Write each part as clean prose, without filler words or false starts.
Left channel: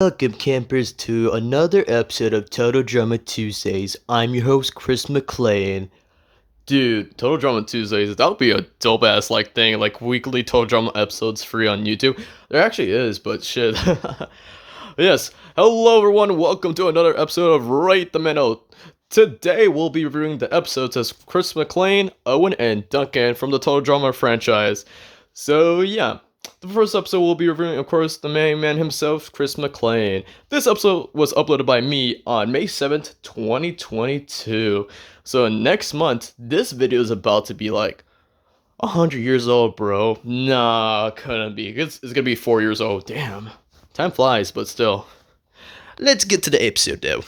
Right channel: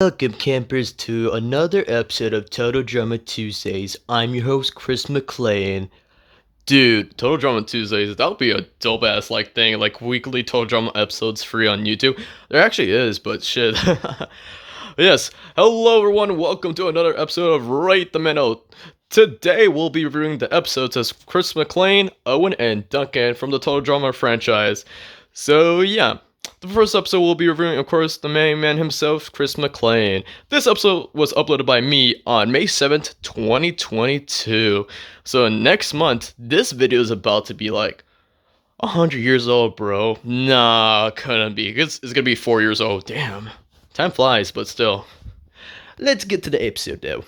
Welcome, campers, to another episode of Total Drama Tuesdays. I'm your host, Chris McLean. Dude, Total Drama Tuesdays, that would be a dope ass thing, like weekly Total Drama episodes free on YouTube. There actually is, but shit. Yes, hello everyone, welcome to another episode of Rate the Minute. Today we'll be reviewing the episodes as Chris McLean, Owen, and Duncan from the Total Drama franchise. So yeah, the first episode we'll be reviewing, of course, the main man himself, Chris McLean. This episode was uploaded by me on May 7th, 2022. So next month, this video is about to be like 100 years old, bro. Nah, couldn't be. It's gonna be 4 years old. Damn. Time flies, but still. Let's get to the episode, though.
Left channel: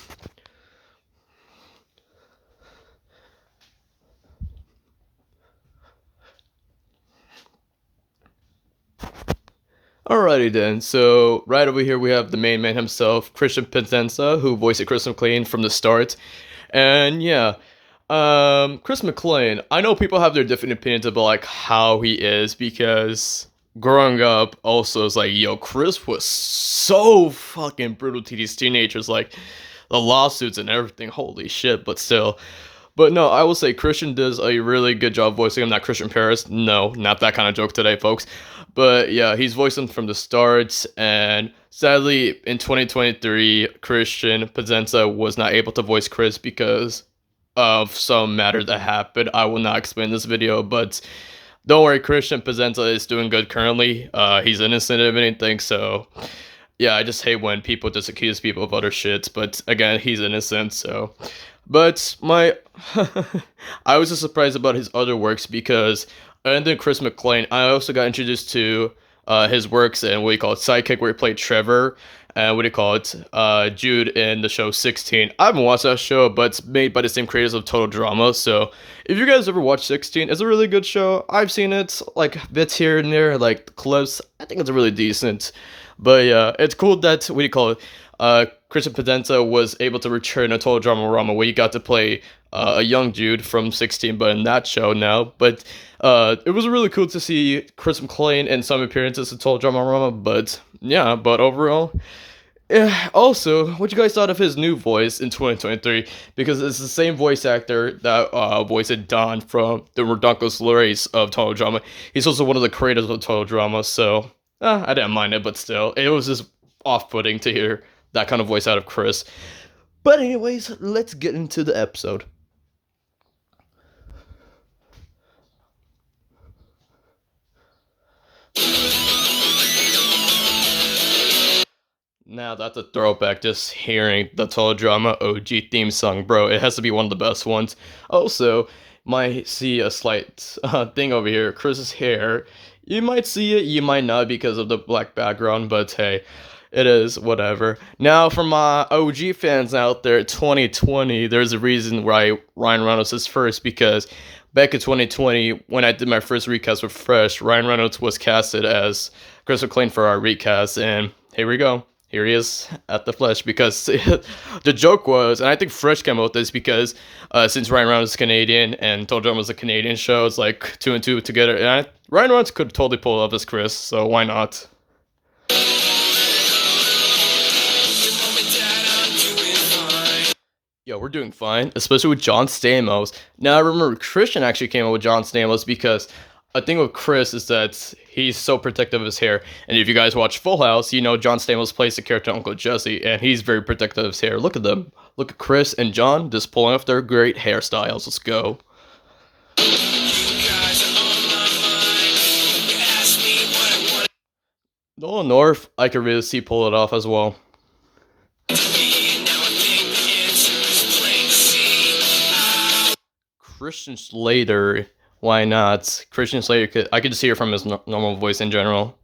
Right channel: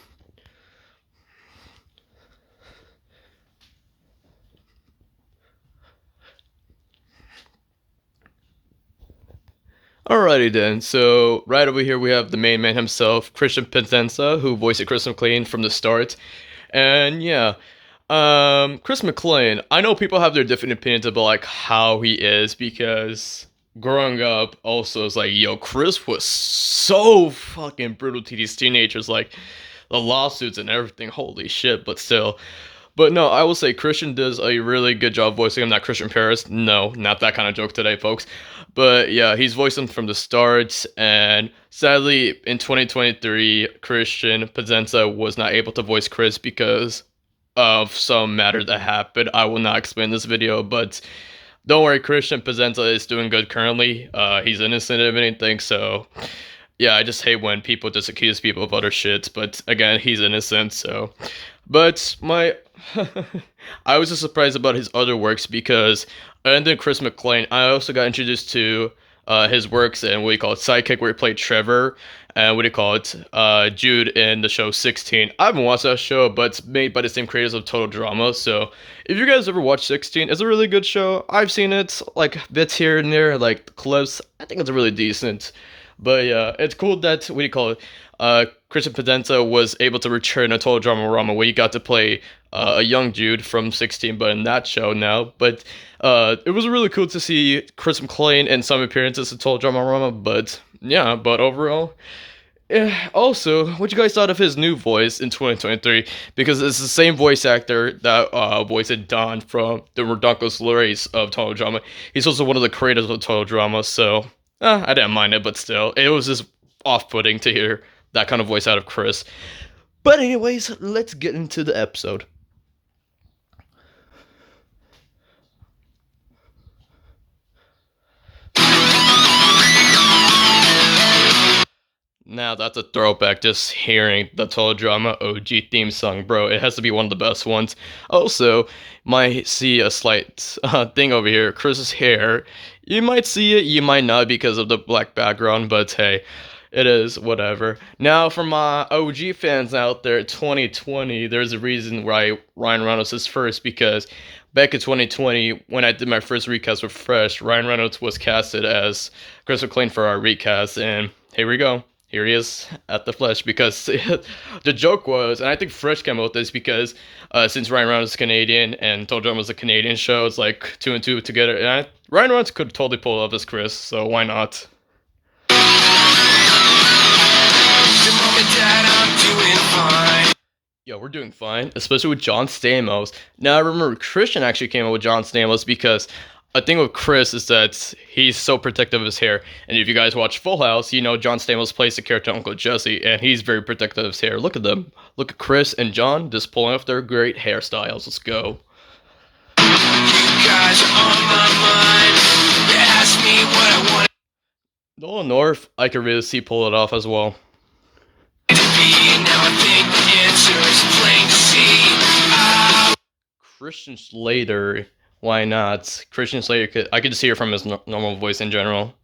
Alrighty then, so right over here we have the main man himself, Christian Pizenza, who voiced Chris McLean from the start. And yeah, Chris McLean, I know people have their different opinions about like how he is, because growing up also it's like, yo, Chris was so fucking brutal to these teenagers, like the lawsuits and everything, holy shit, but still. But no, I will say Christian does a really good job voicing him. Not Christian Paris. No, not that kind of joke today, folks. But yeah, he's voiced him from the start. And sadly, in 2023, Christian Pizenza was not able to voice Chris because of some matter that happened. I will not explain this video, but don't worry, Christian Pizenza is doing good currently. He's innocent of anything, so yeah, I just hate when people just accuse people of other shit. But again, he's innocent, so. But my, I was just surprised about his other works because, and then Chris McLean, I also got introduced to his works and what do you call it, Sidekick, where he played Trevor, and what do you call it, Jude in the show 16. I haven't watched that show, but it's made by the same creators of Total Drama, so if you guys ever watched 16, it's a really good show. I've seen it, like, bits here and there, like, clips. I think it's really decent. But yeah, it's cool that, what do you call it, Christian Pizenza was able to return a Total Drama Rama where you got to play a young Jude from 16, but in that show now. But it was really cool to see Chris McLean in some appearances in Total Drama Rama, but yeah, but overall. Also, what you guys thought of his new voice in 2023? Because it's the same voice actor that voiced Don from the Redonkulous Race of Total Drama. He's also one of the creators of Total Drama, so I didn't mind it, but still, it was just off-putting to hear that kind of voice out of Chris. But anyways, let's get into the episode. Now that's a throwback, just hearing the Total Drama OG theme song, bro. It has to be one of the best ones. Also, might see a slight thing over here, Chris's hair. You might see it, you might not because of the black background, but hey, it is whatever. Now, for my OG fans out there, 2020, there's a reason why Ryan Reynolds is first, because back in 2020, when I did my first recast with Fresh, Ryan Reynolds was casted as Chris McLean for our recast, and here we go. Here he is at the flesh, because the joke was, and I think Fresh came up with this because since Ryan Reynolds is Canadian and Total Drama was a Canadian show, it's like 2 and 2 together. And Ryan Reynolds could totally pull it off as Chris, so why not? Yo, we're doing fine, especially with John Stamos. Now, I remember Christian actually came up with John Stamos because a thing with Chris is that he's so protective of his hair. And if you guys watch Full House, you know John Stamos plays the character Uncle Jesse, and he's very protective of his hair. Look at them. Look at Chris and John just pulling off their great hairstyles. Let's go. Nolan North, I could really see pull it off as well. Christian Slater, why not? Christian Slater, I could just hear from his normal voice in general.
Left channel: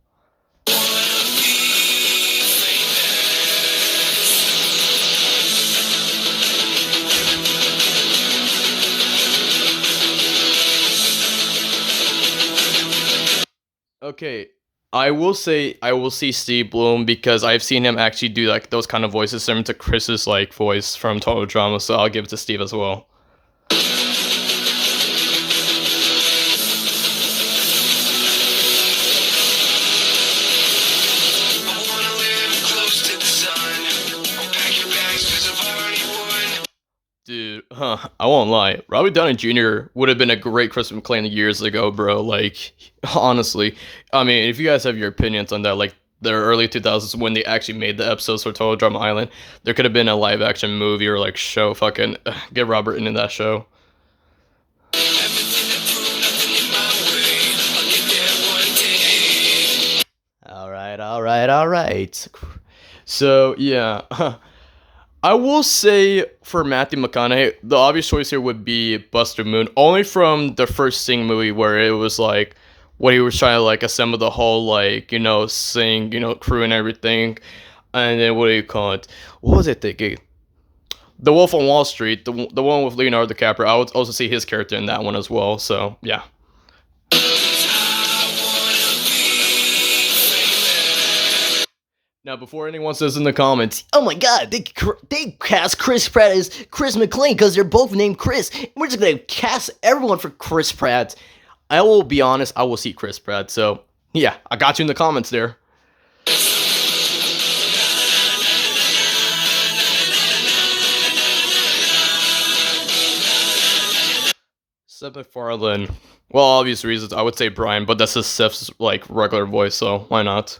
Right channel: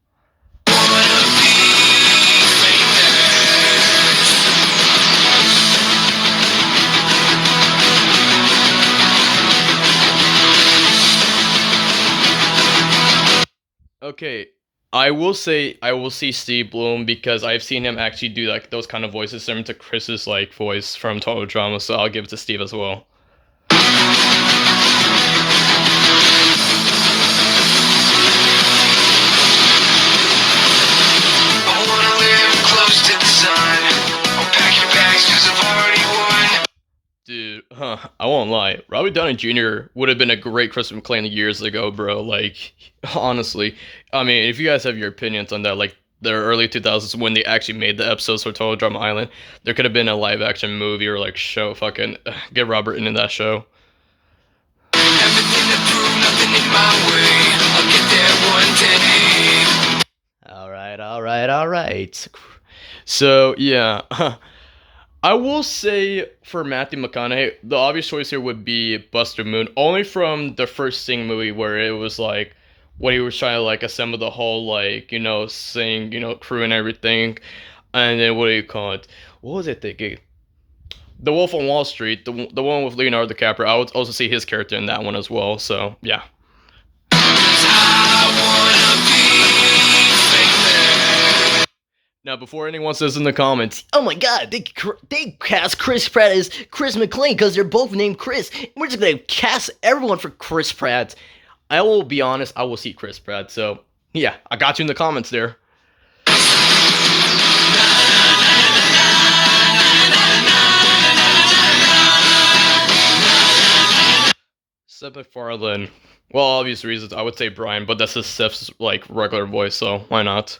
Okay, I will say I will see Steve Bloom because I've seen him actually do like those kind of voices similar to Chris's like voice from Total Drama, so I'll give it to Steve as well. I won't lie. Robert Downey Jr. would have been a great Chris McLean years ago, bro. Like, honestly, I mean, if you guys have your opinions on that, like the early 2000s when they actually made the episodes for Total Drama Island, there could have been a live action movie or like show. Fucking get Robert in that show. All right. So yeah, I will say for Matthew McConaughey, the obvious choice here would be Buster Moon, only from the first Sing movie where it was like when he was trying to like assemble the whole like Sing crew and everything, and then what do you call it? What was it thinking? The Wolf on Wall Street, the one with Leonardo DiCaprio. I would also see his character in that one as well. So yeah. Now, before anyone says in the comments, Oh my god, they cast Chris Pratt as Chris McLean because they're both named Chris. We're just gonna cast everyone for Chris Pratt. I will be honest, I will see Chris Pratt. So yeah, I got you in the comments there. Seth MacFarlane. Well, obvious reasons, I would say Brian, but that's just Seth's like regular voice, so why not?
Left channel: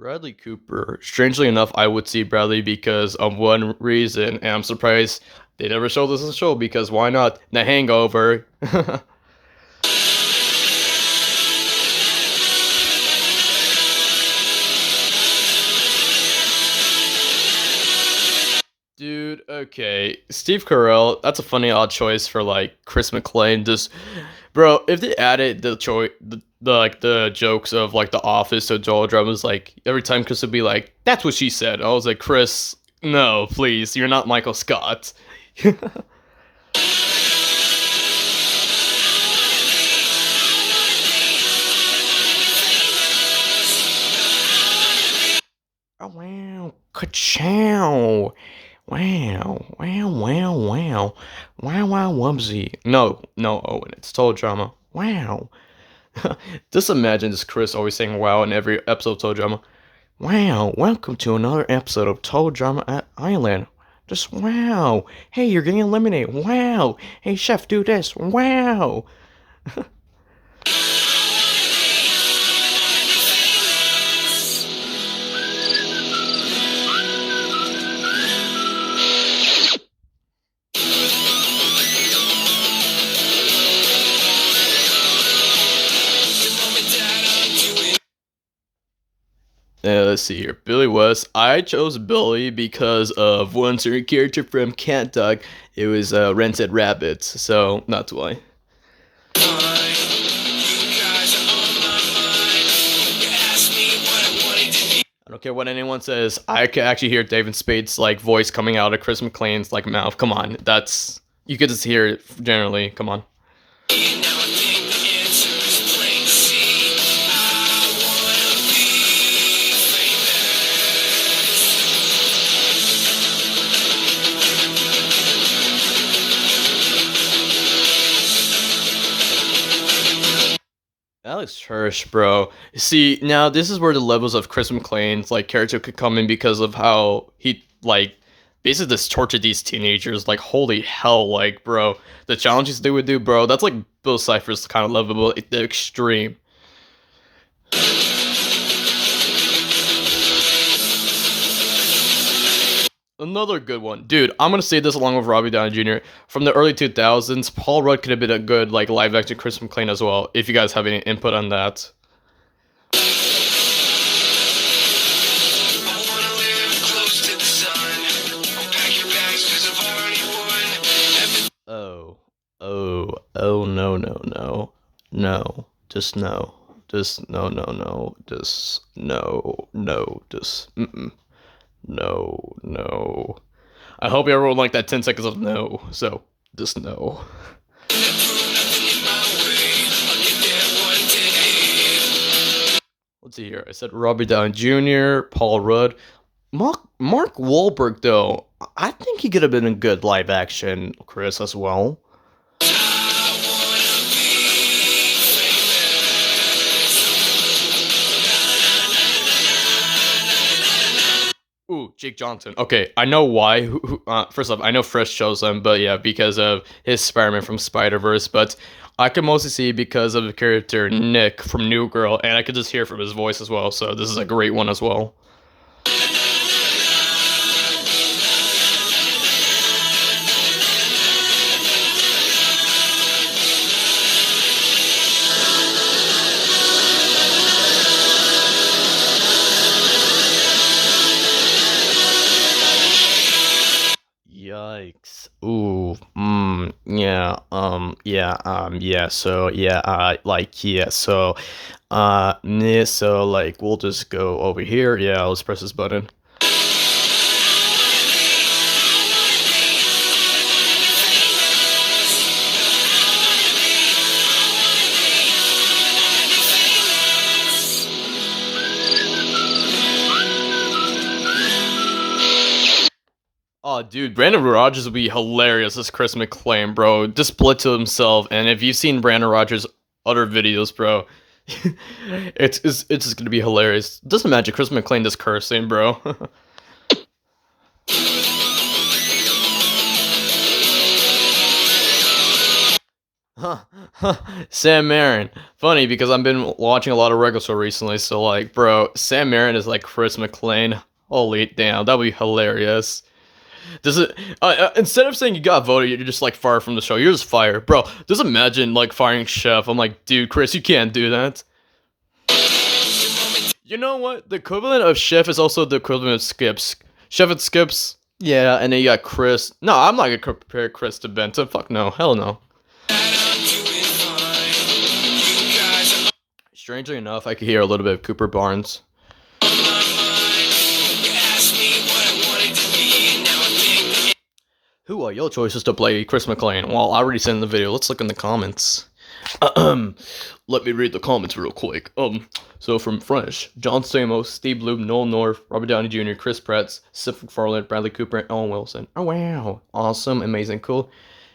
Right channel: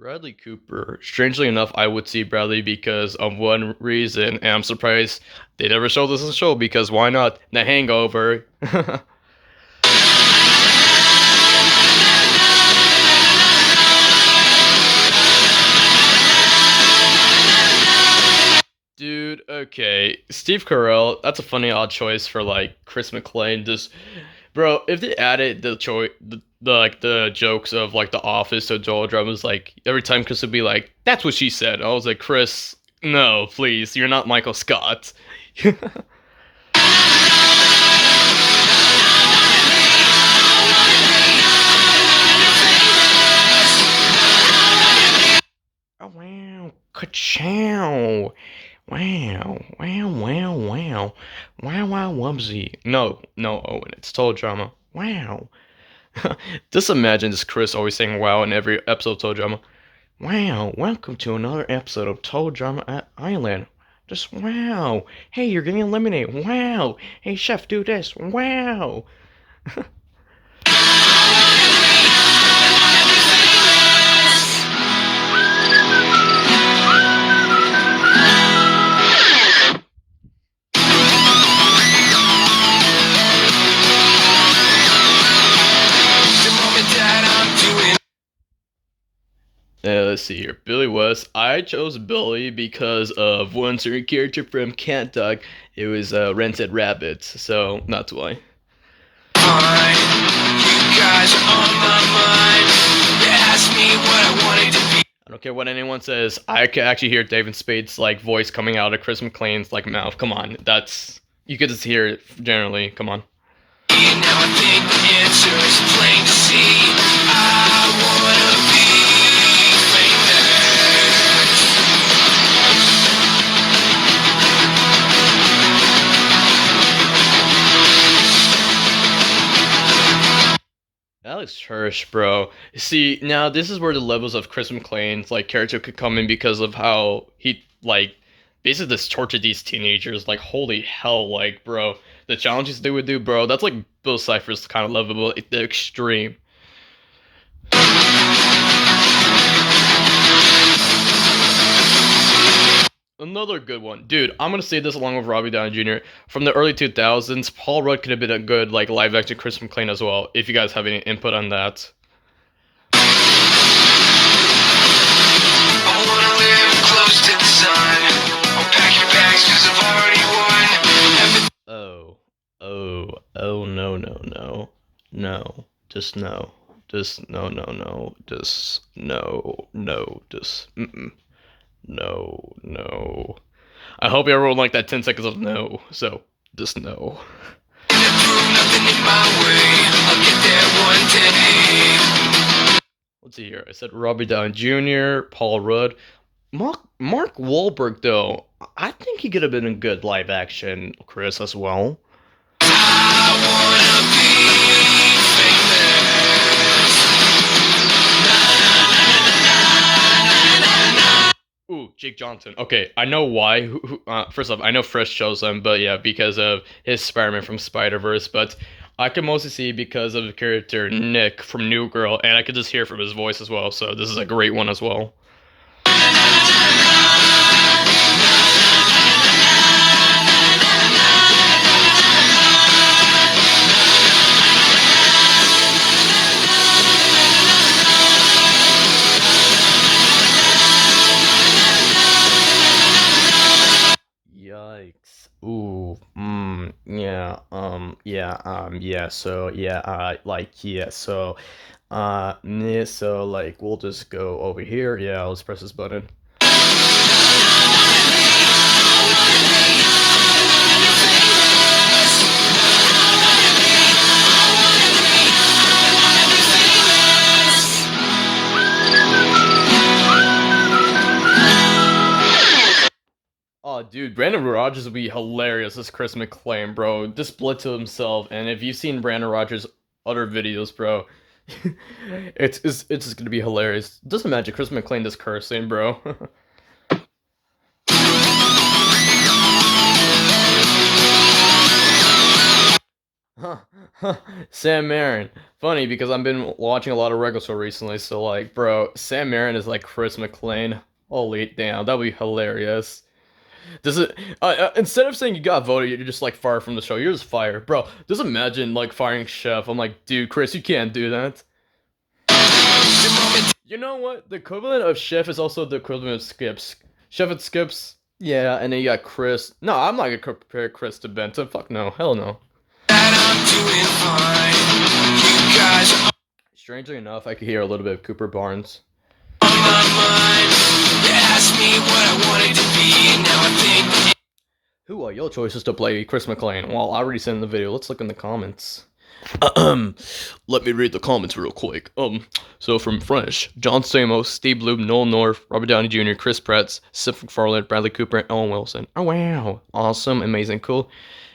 Bradley Cooper. Strangely enough, I would see Bradley because of one reason, and I'm surprised they never showed this in the show because why not? The Hangover. Dude, okay. Steve Carell, that's a funny odd choice for like Chris McLean. Just bro, if they added the jokes of like The Office to Joel Drama's like every time Chris would be like, "That's what she said." I was like, "Chris, no, please, you're not Michael Scott." Oh wow, ka-chow. Wow, wow, wow, wow. Wow, wow, wubsy. No, no, Owen, it's Total Drama. Wow. Just imagine this Chris always saying wow in every episode of Total Drama. Wow, welcome to another episode of Total Drama at Island. Just wow. Hey, you're getting eliminated. Wow. Hey, chef, do this. Wow. Let's see here. Billy West. I chose Billy because of one certain character from Cat Dog. It was Rented Rabbits, so not why. I don't care what anyone says. I can actually hear David Spade's like voice coming out of Chris McLean's like mouth. Come on, that's you could just hear it generally. Come on. Alex Hirsch, bro. See, now this is where the levels of Chris McLean's like character could come in because of how he like basically just tortured these teenagers. Like, holy hell, like, bro, the challenges they would do, bro. That's like Bill Cipher's kind of lovable at the extreme. Another good one, dude. I'm gonna say this along with Robbie Downey Jr. From the early 2000s. Paul Rudd could have been a good like live action Chris McLean as well. If you guys have any input on that. Oh, no, no, no, no, just no, just no, no, no, just no, no, just no, no. I hope everyone liked that 10 seconds of no, so just no. Let's see here. I said Robbie Downey Jr., Paul Rudd. Mark Wahlberg, though, I think he could have been a good live action Chris as well. Jake Johnson. Okay, I know why. First off, I know Fresh chose him, but yeah, because of his Spider-Man from Spider-Verse. But I can mostly see because of the character Nick from New Girl, and I could just hear from his voice as well. So this is a great one as well. Yikes. Ooh. Yeah. Yeah. So, yeah. Yeah. So, yeah. So, like, we'll just go over here. Yeah. Let's press this button. Oh, dude, Brandon Rogers would be hilarious as Chris McLean, bro. Just split to himself, and if you've seen Brandon Rogers' other videos, bro, it's just gonna be hilarious. Just imagine Chris McLean just cursing, bro. Huh, huh. Sam Marin. Funny because I've been watching a lot of regular show recently, so like, bro, Sam Marin is like Chris McLean. Holy damn, that'd be hilarious. Does it? Instead of saying you got voted, you're just like fired from the show. You're just fired, bro. Just imagine like firing Chef. I'm like, dude, Chris, you can't do that. You know what? The equivalent of Chef is also the equivalent of Skips. Chef and Skips. Yeah, and then you got Chris. No, I'm not gonna compare Chris to Benton. Fuck no, hell no. Strangely enough, I could hear a little bit of Cooper Barnes. Who are your choices to play Chris McLean? Well, I already sent in the video. Let's look in the comments. Let me read the comments real quick. So from Fresh, John Stamos, Steve Bloom, Noel North, Robert Downey Jr., Chris Pratt, Seth MacFarlane, Bradley Cooper, and Owen Wilson. Oh wow, awesome, amazing, cool.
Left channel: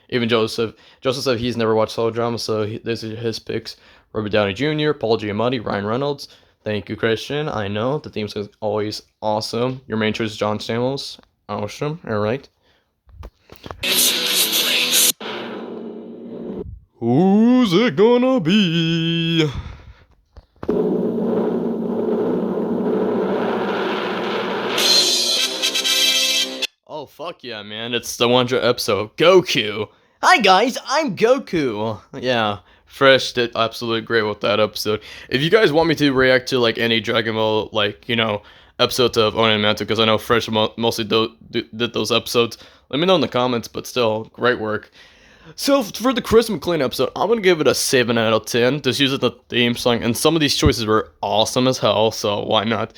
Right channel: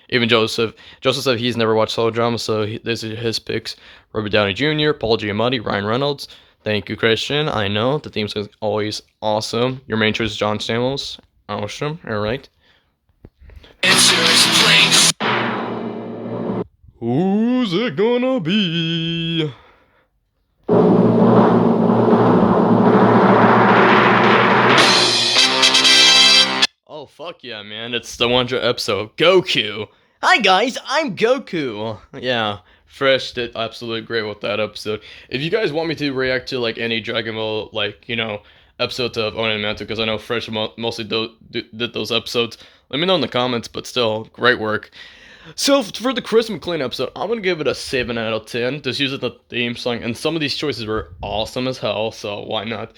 Even Joseph. Joseph said he's never watched solo drama, so these are his picks. Robert Downey Jr., Paul Giamatti, Ryan Reynolds. Thank you, Christian. I know the theme is always awesome. Your main choice is John Stamos. Awesome. All right. Who's it gonna be? Oh, fuck yeah, man. It's the 100th episode. Goku. Hi, guys. I'm Goku. Yeah. Fresh did absolutely great with that episode. If you guys want me to react to, like, any Dragon Ball, like, episodes of Owen and Mantle, because I know Fresh mostly did those episodes, let me know in the comments, but still, great work. So for the Chris McLean episode, I'm gonna give it a 7 out of 10. Just using the theme song, and some of these choices were awesome as hell, so why not?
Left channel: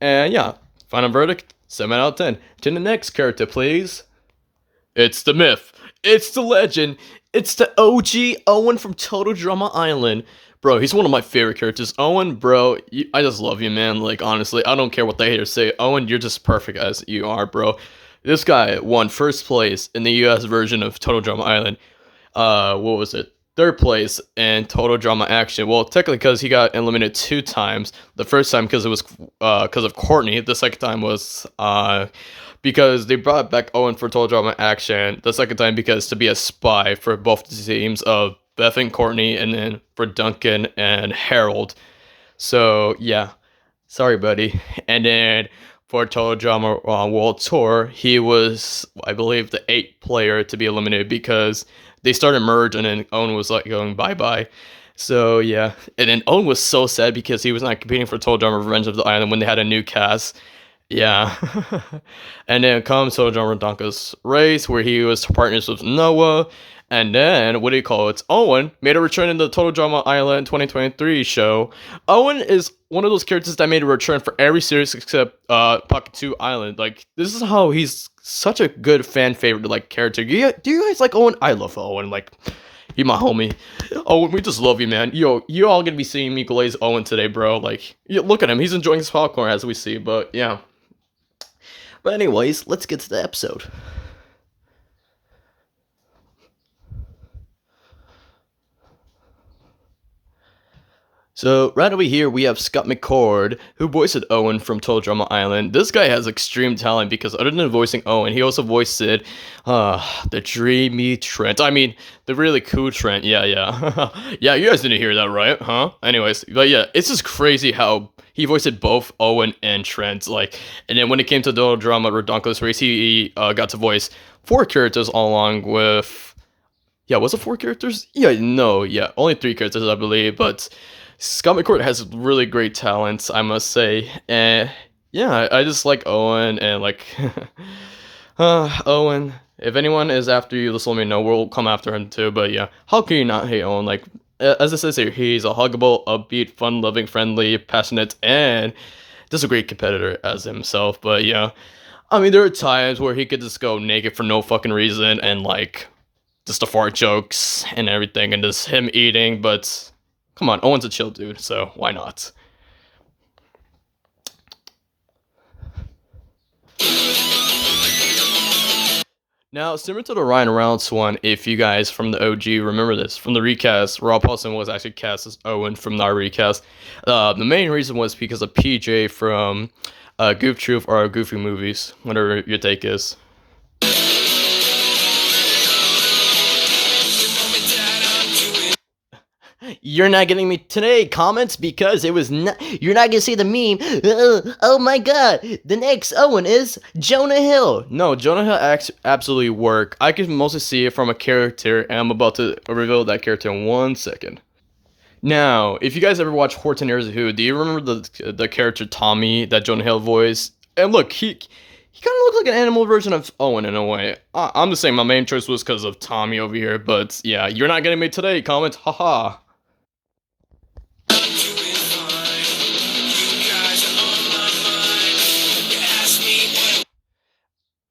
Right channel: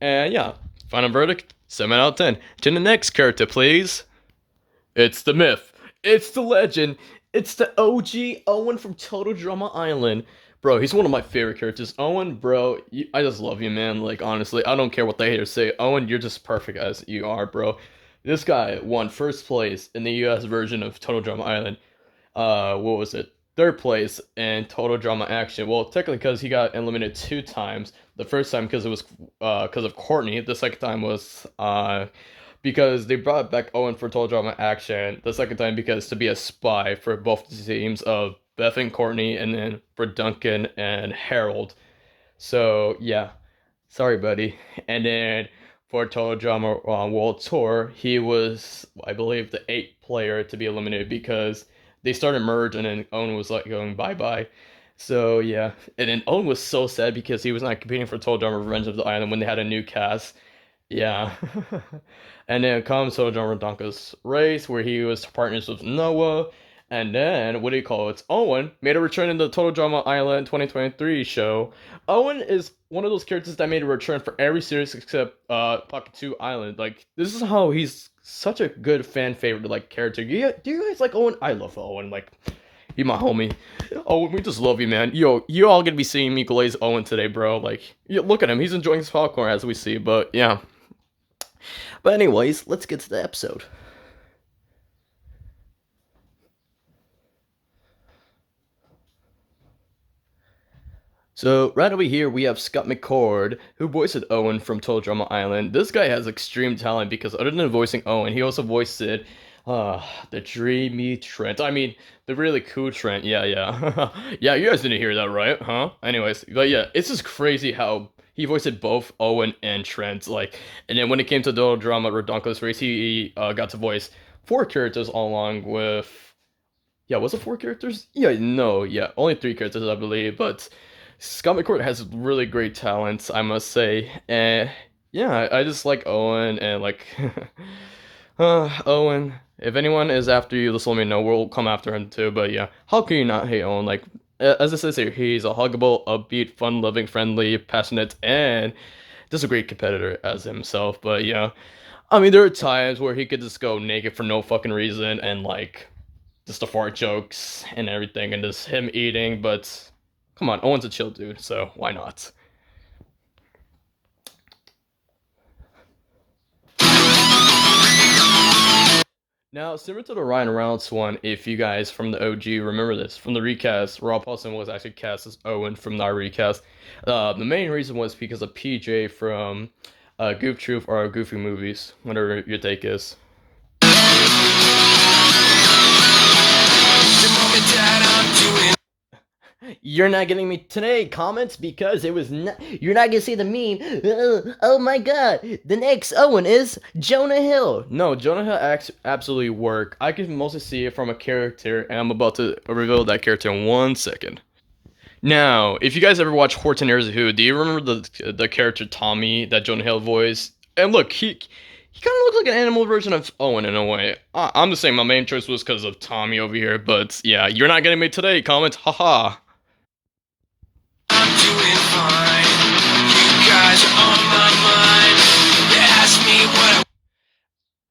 And yeah, final verdict, 7 out of 10. To the next character, please. It's the myth. It's the legend. It's the OG Owen from Total Drama Island. Bro, he's one of my favorite characters. Owen, bro, I just love you, man. Like, honestly, I don't care what they haters say. Owen, you're just perfect as you are, bro. This guy won first place in the US version of Total Drama Island. What was it? Third place in Total Drama Action. Well, technically because he got eliminated 2 times. The first time because it was because of Courtney. The second time was because they brought back Owen for Total Drama Action. The second time because to be a spy for both the teams of Beth and Courtney, and then for Duncan and Harold. So yeah, sorry, buddy. And then for Total Drama World Tour, he was, I believe, the 8th player to be eliminated because they started merge, and then Owen was like going bye bye. So yeah, and then Owen was so sad because he was not competing for Total Drama Revenge of the Island when they had a new cast. Yeah. And then comes Total Drama Donka's race, where he was partners with Noah. And then, what do you call it? Owen made a return in the Total Drama Island 2023 show. Owen is one of those characters that made a return for every series except Pocket 2 Island. Like, this is how he's such a good fan favorite, like, character. Do you guys like Owen? I love Owen. Like, you my homie. Owen, we just love you, man. Yo, you all gonna be seeing me glaze Owen today, bro. Like, look at him. He's enjoying his popcorn as we see, but yeah. But anyways, let's get to the episode. So right over here we have Scott McCord, who voiced Owen from Total Drama Island. This guy has extreme talent because other than voicing Owen, he also voiced the dreamy Trent. I mean, the really cool Trent. Yeah, yeah. Yeah, you guys didn't hear that, right? Huh? Anyways, but yeah, it's just crazy how he voiced both Owen and Trent. Like, and then when it came to Total Drama Redonkulous Race, he got to voice four characters along with. Yeah, was it four characters? Yeah, no, yeah, only three characters, I believe. But Scott McCourt has really great talents, I must say. And yeah, I just like Owen and like Owen. If anyone is after you, just let me know. We'll come after him too. But yeah, how can you not hate Owen? Like as it says here, he's a huggable, upbeat, fun-loving, friendly, passionate, and just a great competitor as himself. But yeah, I mean, there are times where he could just go naked for no fucking reason and like just the fart jokes and everything and just him eating, but come on, Owen's a chill dude, so why not? Now, similar to the Ryan Reynolds one, if you guys from the OG remember this, from the recast, Rob Paulson was actually cast as Owen from the recast. The main reason was because of PJ from Goof Troop or Goofy movies, whatever your take is. You're not getting me today comments because it was not. You're not gonna see the meme. Oh my god, the next Owen is Jonah Hill. No, Jonah Hill absolutely work. I can mostly see it from a character, and I'm about to reveal that character in 1 second. Now, if you guys ever watch Horton Hears Who, do you remember the character Tommy that Jonah Hill voiced? And look, he kind of looked like an animal version of Owen in a way. I'm just saying my main choice was because of Tommy over here, but yeah, you're not getting me today. Comment, haha.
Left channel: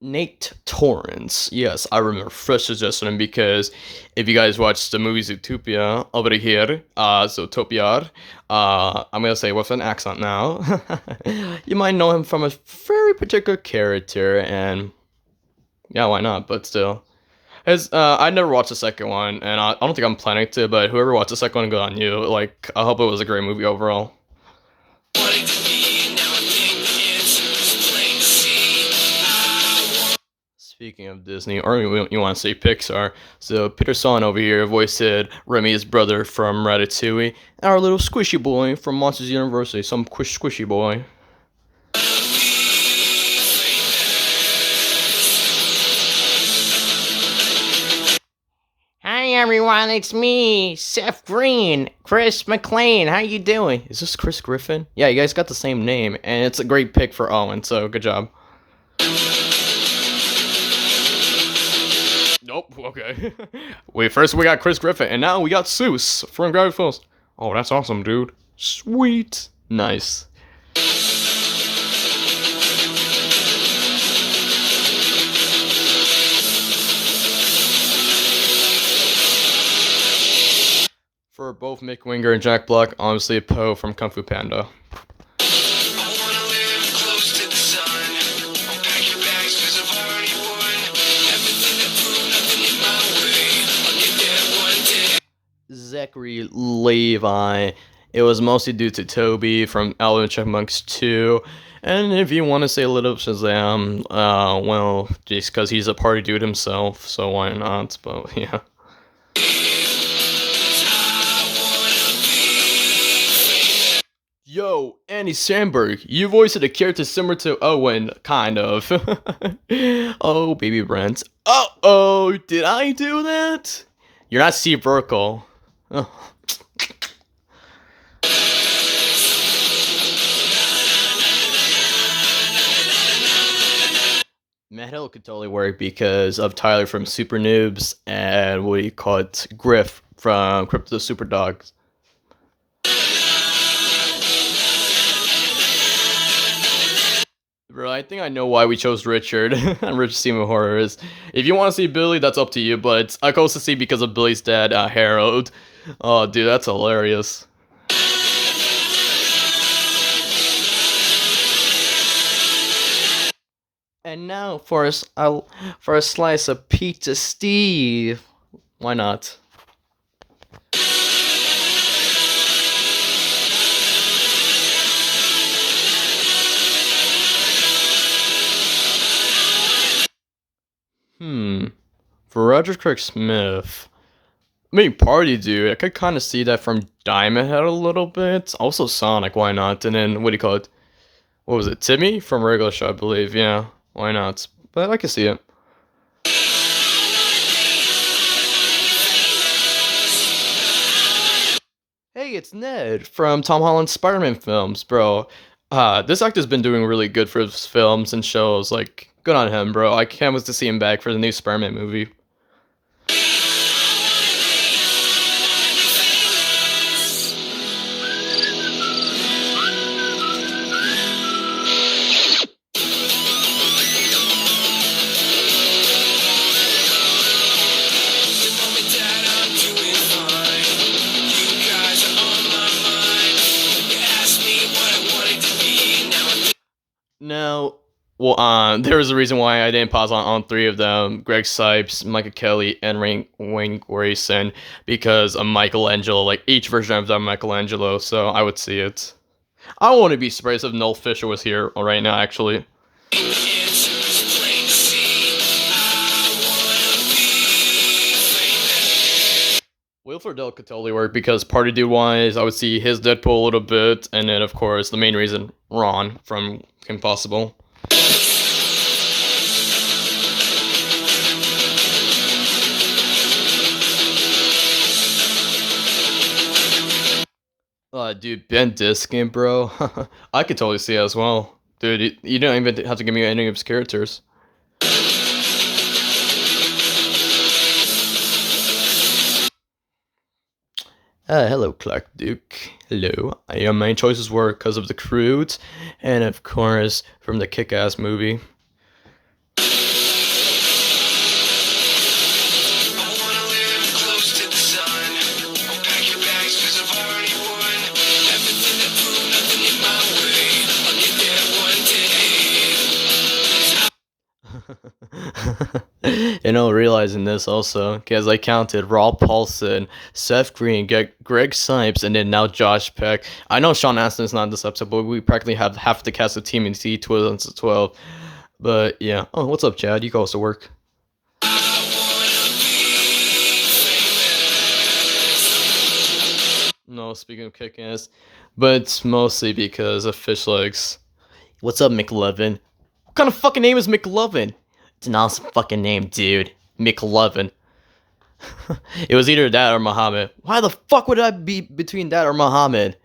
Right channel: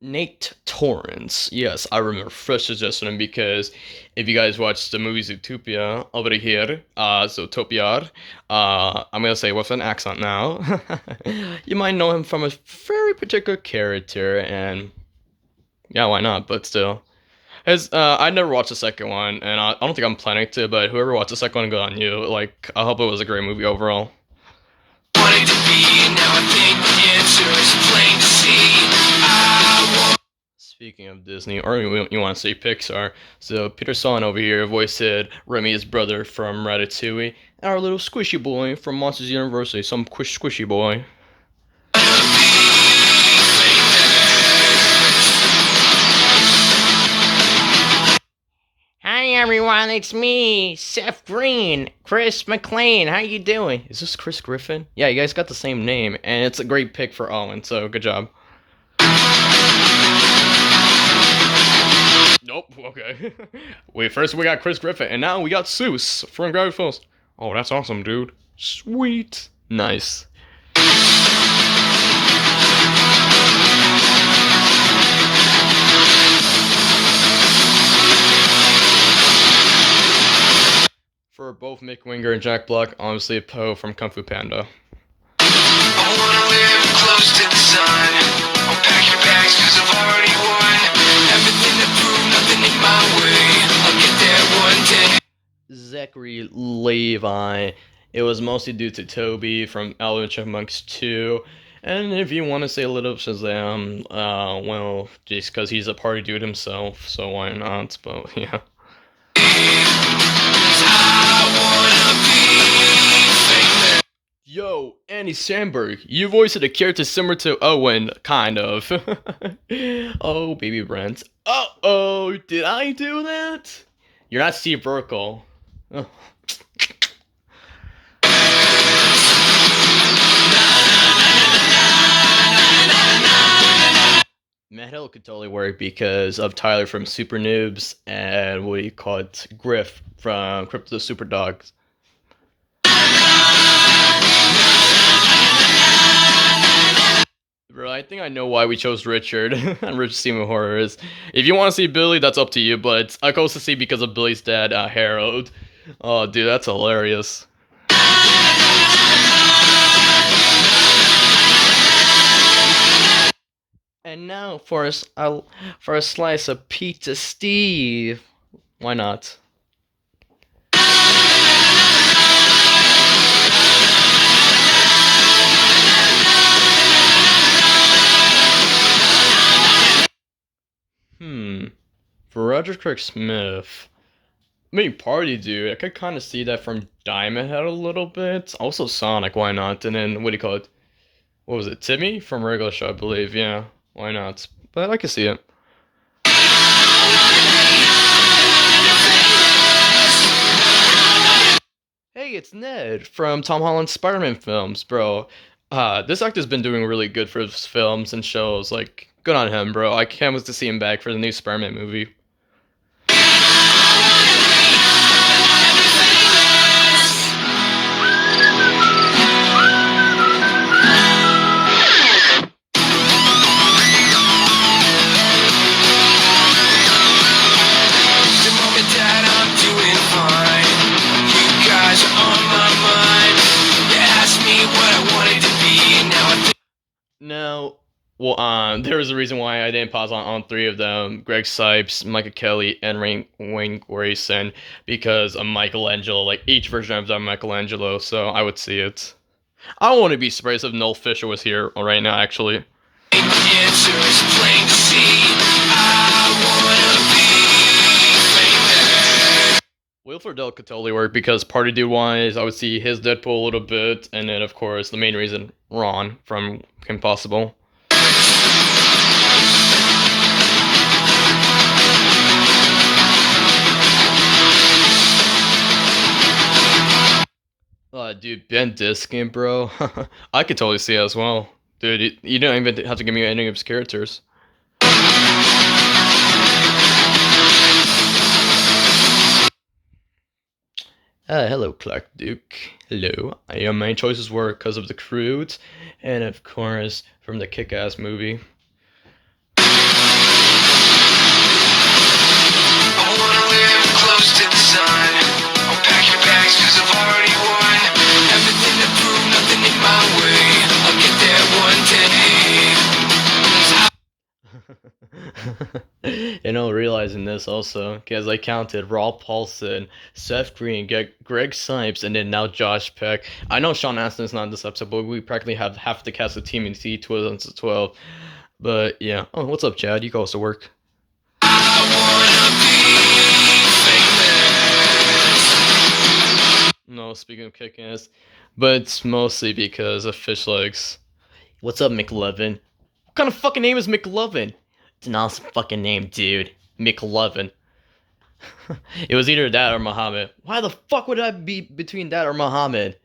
Nate Torrance. Yes, I remember first suggesting him because if you guys watch the movie Zootopia over here, Zootopia, I'm gonna say with an accent now, you might know him from a very particular character, and yeah, why not? But still, I never watched the second one, and I don't think I'm planning to. But whoever watched the second one, good on you. Like, I hope it was a great movie overall. Speaking of Disney, or you want to say Pixar, so Peter Son over here voiced Remy's brother from Ratatouille, and our little squishy boy from Monsters University, some squishy boy. Hi everyone, it's me, Seth Green, Chris McLean. How you doing? Is this Chris Griffin? Yeah, you guys got the same name, and it's a great pick for Owen, so good job. Nope, okay. Wait, first we got Chris Griffin, and now we got Seuss from Gravity Falls. Oh, that's awesome, dude. Sweet. Nice. For both Mick Winger and Jack Black, honestly, Poe from Kung Fu Panda. Zachary Levi. It was mostly due to Toby from Alvin and Chipmunks 2. And if you want to say a little Shazam, well, just because he's a party dude himself, so why not? But yeah. Yo, Andy Samberg, you voiced a character similar to Owen, kind of. Oh, baby Brent. Uh-oh, did I do that? You're not Steve Urkel. Oh. Metal could totally work because of Tyler from Super Noobs and what do you call it? Griff from Crypto Super Dogs. Bro, I think I know why we chose Richard on Richard Steven Horrors. If you want to see Billy, that's up to you, but I could also see because of Billy's dad, Harold. Oh, dude, that's hilarious. And now for a slice of Pizza Steve. Why not? For Roger Craig Smith, maybe Party Dude. I could kind of see that from Diamond Head a little bit. Also Sonic, why not? And then what do you call it? What was it? Timmy from Regular Show, I believe. Yeah, why not? But I can see it. Hey, it's Ned from Tom Holland's Spider-Man films, bro. This actor's been doing really good for his films and shows. Like, good on him, bro. I can't wait to see him back for the new Spider-Man movie. Now, well, there was a reason why I didn't pause on three of them: Greg Sipes, Michael Kelly, and Wayne Grayson, because of Michelangelo. Like each version of that Michelangelo, so I would see it. I wouldn't be surprised if Noel Fisher was here right now, actually. Wilford Dell could totally work because Party Dude wise, I would see his Deadpool a little bit, and then of course the main reason Ron from Kim Possible. Dude, Ben Diskin, bro. I could totally see it as well. Dude, you don't even have to give me any of his characters. Hello, Clark Duke. Hello. Your main choices were because of the Croods, and of course, from the Kick-Ass movie. You know, realizing this also, because I counted Rob Paulson, Seth Green, Greg Sipes, and then now Josh Peck. I know Sean Astin's not in this episode, but we practically have half the cast of TMNT 2012. But yeah. Oh, what's up, Chad? You calls to work. No, speaking of kick-ass, but it's mostly because of fish legs. What's up, McLovin? What kind of fucking name is McLovin? It's an awesome fucking name, dude. McLovin. It was either that or Muhammad. Why the fuck would I be between that or Muhammad?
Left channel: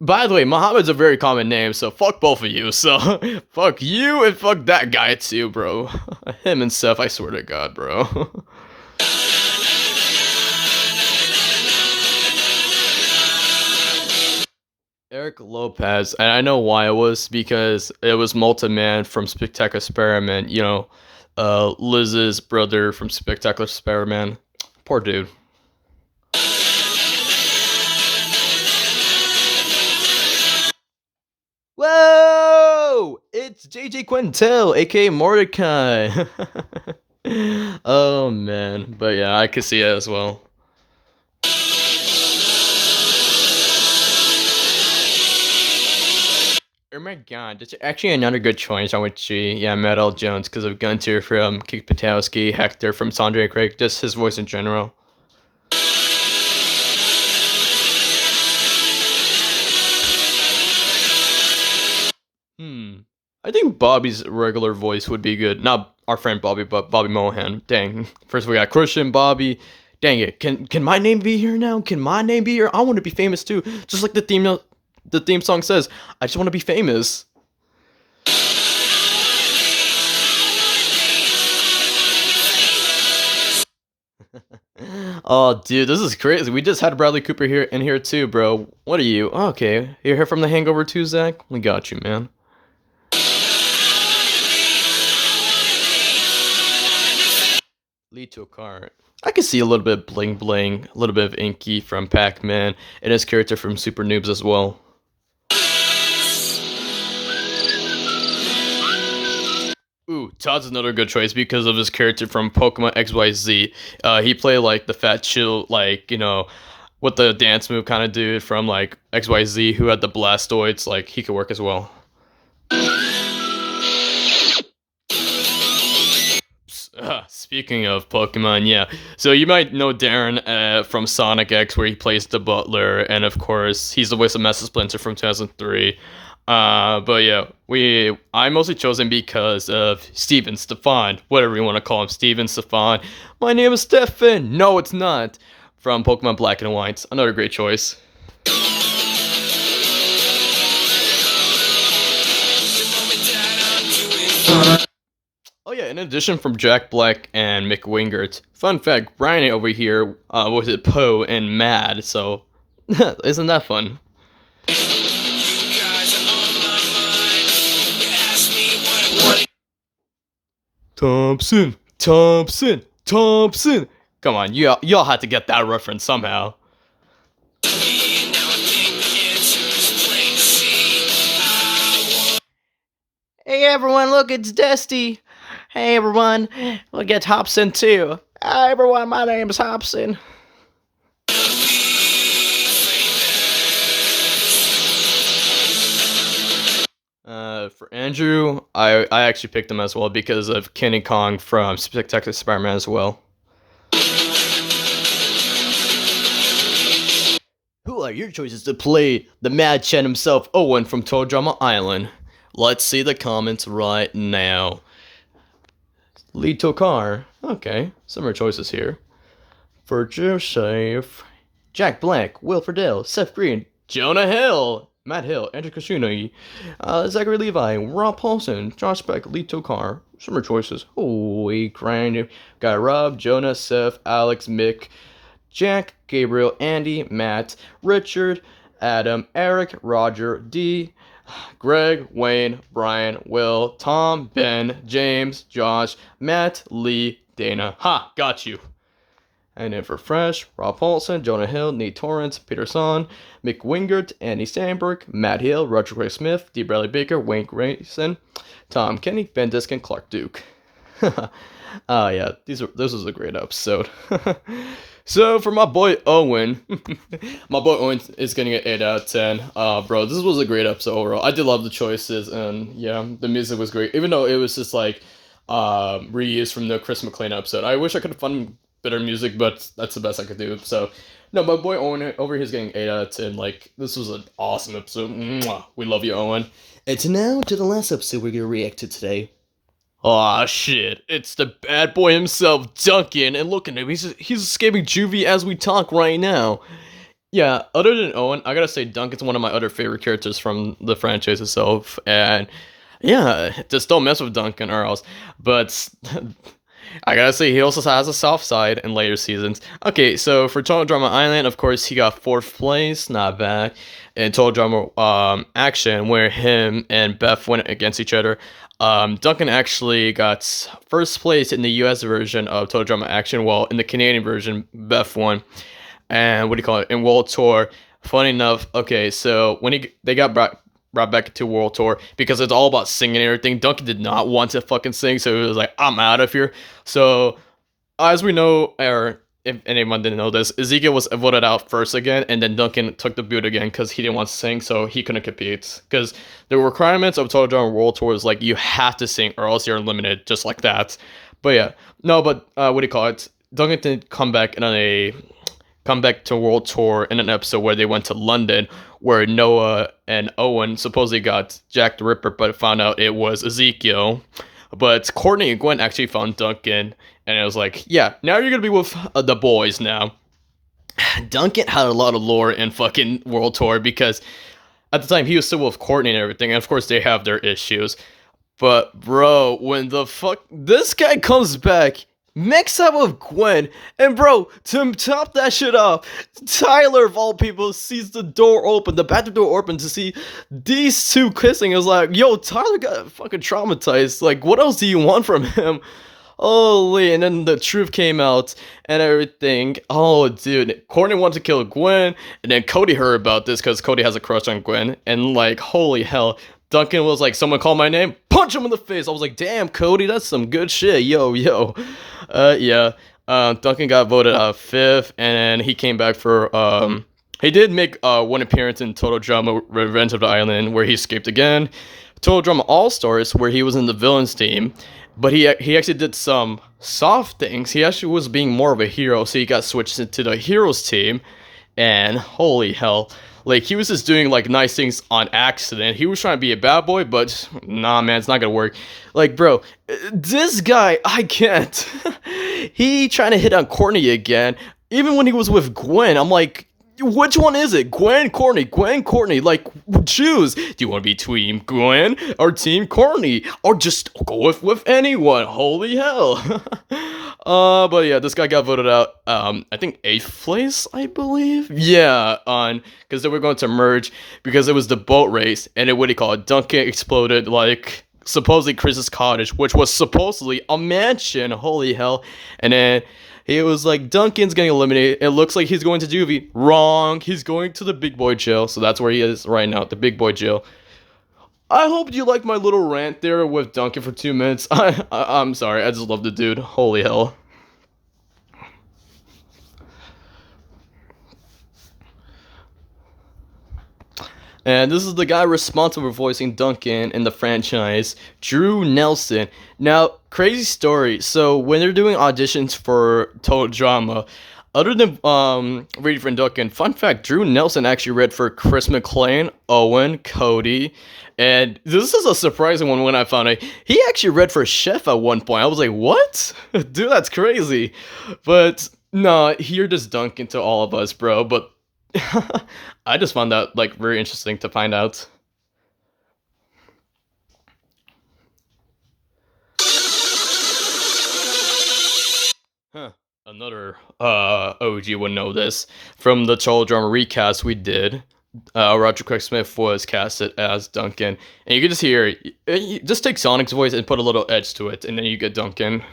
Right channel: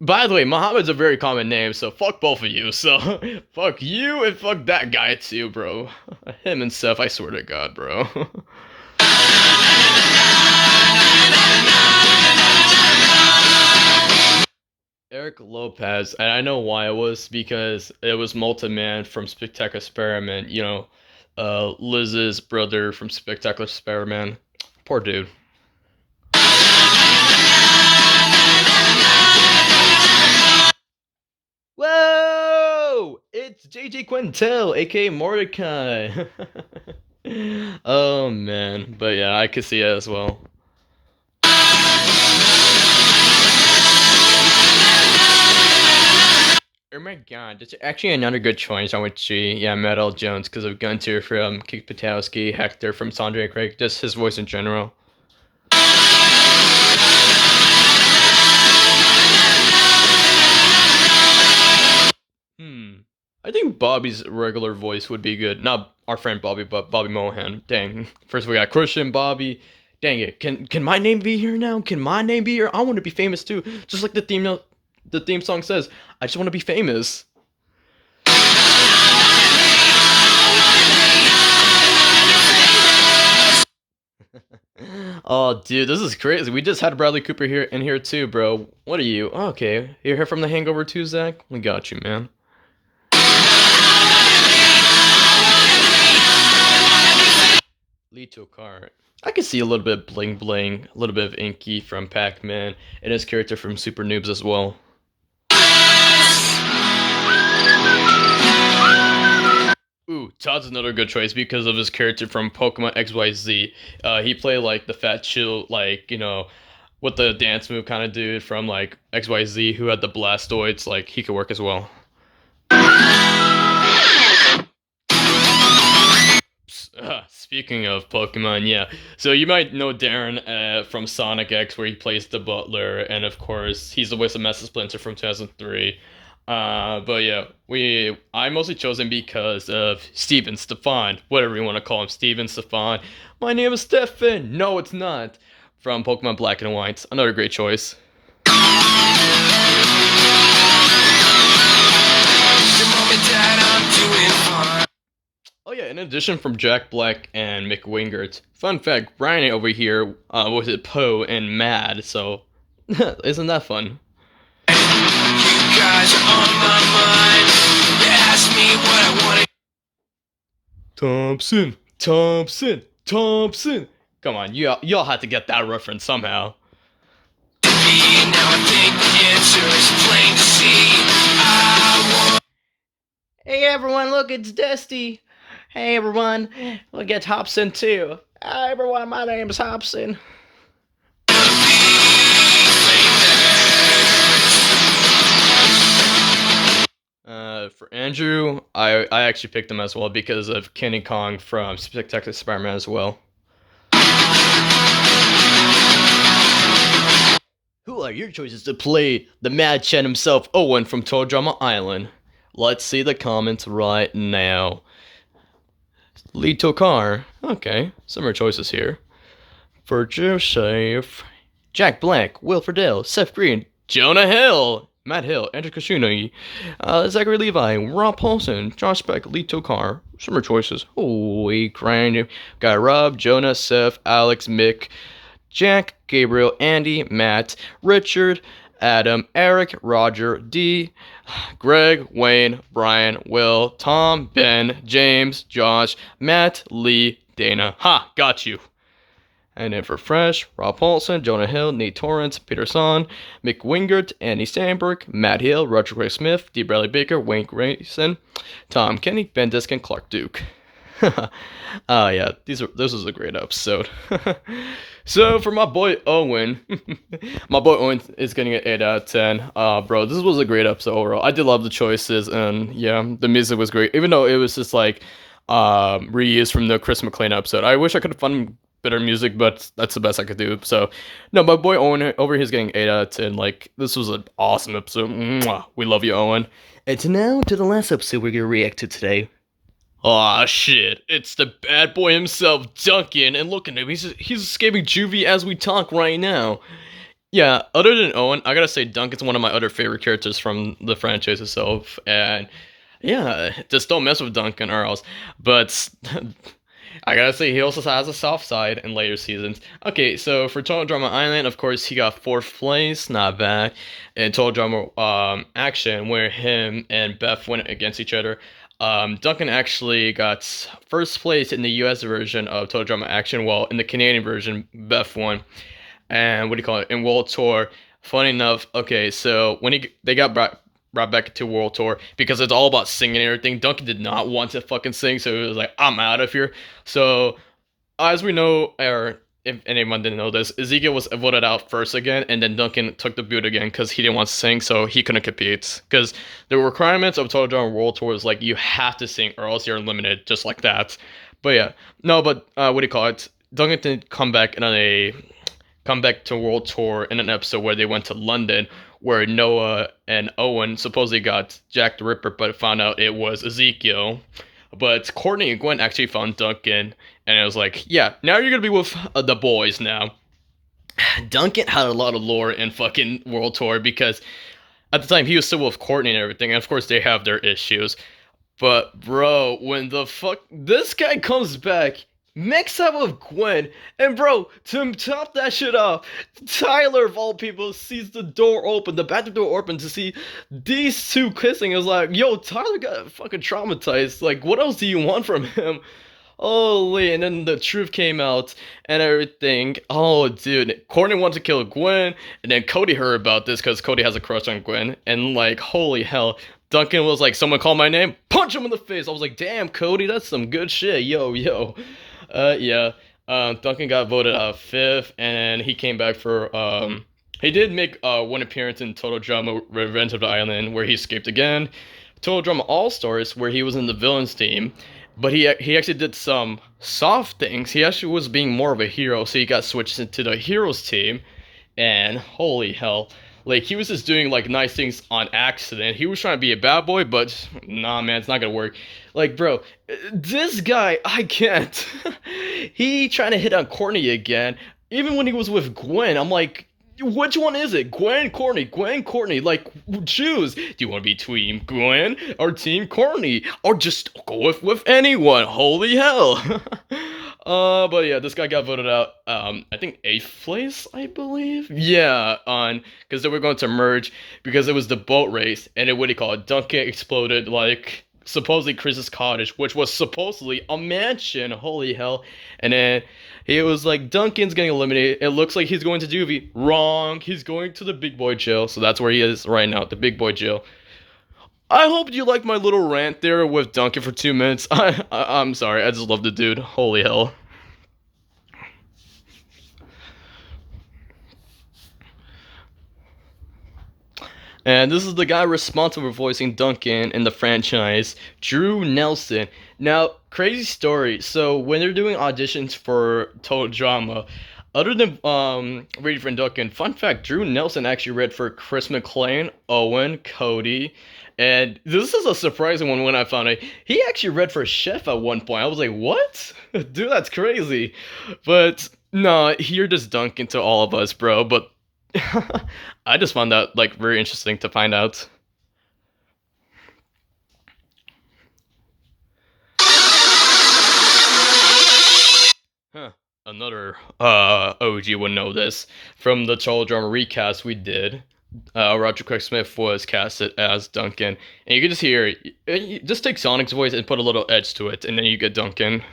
By the way, Muhammad's a very common name, so fuck both of you. So, fuck you and fuck that guy too, bro. Him and Seth, I swear to God, bro. Eric Lopez, and I know why it was because it was Molten Man from Spectacular Spider-Man, Liz's brother from Spectacular Spider-Man. Poor dude. Whoa! It's JJ Quintel, aka Mordecai. Oh man, but yeah, I could see it as well. Oh my god, that's actually another good choice. I would see, yeah, Matt L. Jones because of Gunter from Kick Patowski, Hector from Sandra Craig, just his voice in general. I think Bobby's regular voice would be good. Not our friend Bobby, but Bobby Mohan. Dang. First we got Christian, Bobby. Dang it. Can my name be here now? Can my name be here? I want to be famous too. Just like the theme song says. I just want to be famous. Oh, dude, this is crazy. We just had Bradley Cooper here in here too, bro. What are you? Oh, okay. You're here from The Hangover too, Zach? We got you, man. Lead to a car. I can see a little bit of bling bling, a little bit of Inky from Pac-Man, and his character from Super Noobs as well. Ooh, Todd's another good choice because of his character from Pokemon XYZ. He played like the fat chill, like, what the dance move kind of dude from like XYZ who had the Blastoids. Like, he could work as well. speaking of Pokemon, yeah. So you might know Darren from Sonic X, where he plays the Butler, and of course he's the voice of Master Splinter from 2003. But yeah, I mostly chose him because of Steven Stefan, whatever you want to call him, Steven Stefan. My name is Stefan. No, it's not. From Pokemon Black and White, another great choice. Oh yeah, in addition from Jack Black and Mick Wingert, fun fact, Brian over here was it Poe and Mad, so isn't that fun? Thompson, Thompson, Thompson. Come on, y'all had to get that reference somehow. Hey everyone, look, it's Dusty. Hey everyone, look, it's Hobson too. Hi everyone, my name is Hobson. For Andrew, I actually picked him as well because of Kenny Kong from Spectacular Spider-Man as well. Who are your choices to play the Mad Chen himself, Owen from Total Drama Island? Let's see the comments right now. Lee Tokar. Okay, similar choices here. For Joseph, Jack Black, Will Friedle, Seth Green, Jonah Hill, Matt Hill, Andrew Kashuni, Zachary Levi, Rob Paulson, Josh Beck, Lee Tokar. Similar choices. Holy crap. Got Rob, Jonah, Seth, Alex, Mick, Jack, Gabriel, Andy, Matt, Richard, Adam, Eric, Roger, D, Greg, Wayne, Brian, Will, Tom, Ben, James, Josh, Matt, Lee, Dana. Ha, got you. And then for Fresh, Rob Paulson, Jonah Hill, Nate Torrance, Peter Son, Mick Wingert, Andy Sandberg, Matt Hill, Roger Gray Smith, D. Bradley Baker, Wayne Grayson, Tom Kenny, Ben Diskin, Clark Duke. Yeah, this was a great episode. So for my boy Owen, my boy Owen is getting an 8 out of 10. Bro, this was a great episode overall. I did love the choices, and yeah, the music was great, even though it was just like reused from the Chris McLean episode. I wish I could have found better music, but that's the best I could do. So no, my boy Owen over here is getting 8 out of 10. Like, this was an awesome episode. Mwah. We love you, Owen. And now to the last episode we're gonna react to today. Aw, shit. It's the bad boy himself, Duncan, and look at him. He's escaping juvie as we talk right now. Yeah, other than Owen, I gotta say Duncan's one of my other favorite characters from the franchise itself, and yeah, just don't mess with Duncan or else. But I gotta say, he also has a soft side in later seasons. Okay, so for Total Drama Island, of course, he got 4th place, not bad. And Total Drama Action, where him and Beth went against each other. Duncan actually got 1st place in the US version of Total Drama Action, while in the Canadian version, Beth won. And what do you call it? In World Tour, funny enough, okay, so when they got brought back to World Tour, because it's all about singing and everything, Duncan did not want to fucking sing, so he was like, I'm out of here. So, as we know, or if anyone didn't know this, Ezekiel was voted out first again, and then Duncan took the boot again because he didn't want to sing, so he couldn't compete. Because the requirements of Total Drama World Tour is like, you have to sing or else you're eliminated, just like that. But yeah, no, but what do you call it? Duncan did come back to World Tour in an episode where they went to London, where Noah and Owen supposedly got Jack the Ripper, but found out it was Ezekiel. But Courtney and Gwen actually found Duncan, and it was like, yeah, now you're gonna be with the boys now. Duncan had a lot of lore in fucking World Tour because at the time he was still with Courtney and everything, and of course they have their issues. But bro, when the fuck this guy comes back, mix up with Gwen, and bro, to top that shit off, Tyler of all people sees the door open, the bathroom door open to see these two kissing. It was like, yo, Tyler got fucking traumatized. Like, what else do you want from him? Holy, and then the truth came out and everything. Oh, dude, Courtney wanted to kill Gwen, and then Cody heard about this because Cody has a crush on Gwen, and like, holy hell. Duncan was like, someone called my name, punch him in the face. I was like, damn, Cody, that's some good shit. Yo. Yeah. Duncan got voted 5th, and he came back for, he did make one appearance in Total Drama Revenge of the Island, where he escaped again. Total Drama All-Stars, where he was in the villains team. but he actually did some soft things. He actually was being more of a hero, so he got switched into the heroes team. And holy hell, like he was just doing like nice things on accident. He was trying to be a bad boy, but nah, man, it's not gonna work. Like, bro, this guy, I can't. He trying to hit on Courtney again, even when he was with Gwen. I'm like, which one is it? Gwen, Courtney, Gwen, Courtney. Like, choose. Do you want to be Team Gwen or Team Courtney, or just go with anyone? Holy hell! But yeah, this guy got voted out. I think eighth place, I believe. Yeah, on because they were going to merge because it was the boat race, and it what do you call it? Duncan exploded like supposedly Chris's cottage, which was supposedly a mansion. Holy hell! And then he was like, Duncan's getting eliminated. It looks like he's going to juvie. Wrong. He's going to the big boy jail. So that's where he is right now, the big boy jail. I hope you like my little rant there with Duncan for 2 minutes. I'm sorry. I just love the dude. Holy hell. And this is the guy responsible for voicing Duncan in the franchise, Drew Nelson. Now, crazy story. So when they're doing auditions for Total Drama, other than reading for Duncan, fun fact: Drew Nelson actually read for Chris McLean, Owen, Cody, and this is a surprising one when I found it. He actually read for Chef at one point. I was like, "What, dude? That's crazy." But no, here just Duncan to all of us, bro. But I just found that like very interesting to find out. Huh. Another OG would know this from the Total Drama recast we did. Roger Craig Smith was casted as Duncan, and you can just hear, just take Sonic's voice and put a little edge to it, and then you get Duncan.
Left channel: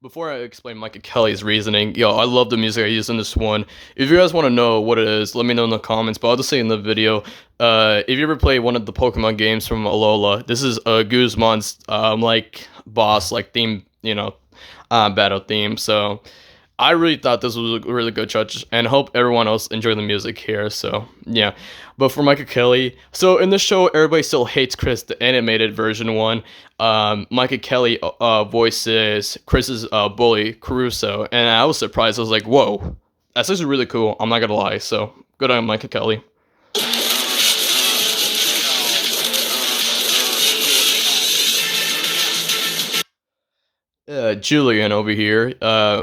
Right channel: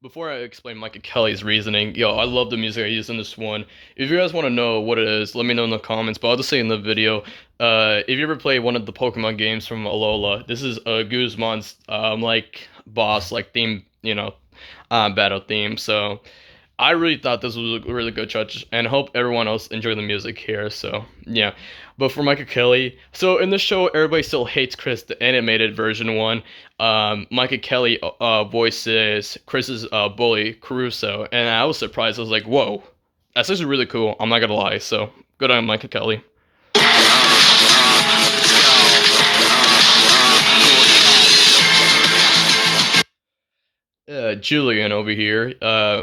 Before I explain Micah Kelly's reasoning, yo, I love the music I used in this one. If you guys want to know what it is, let me know in the comments, but I'll just say in the video. If you ever play one of the Pokemon games from Alola, this is Guzman's like boss, like theme, battle theme. So I really thought this was a really good choice, and hope everyone else enjoyed the music here. So yeah, but for Micah Kelly, so in this show, everybody still hates Chris, the animated version one. Micah Kelly voices Chris's bully Caruso, and I was surprised. I was like, "Whoa, that's actually really cool." I'm not gonna lie. So good on Micah Kelly. Julian over here.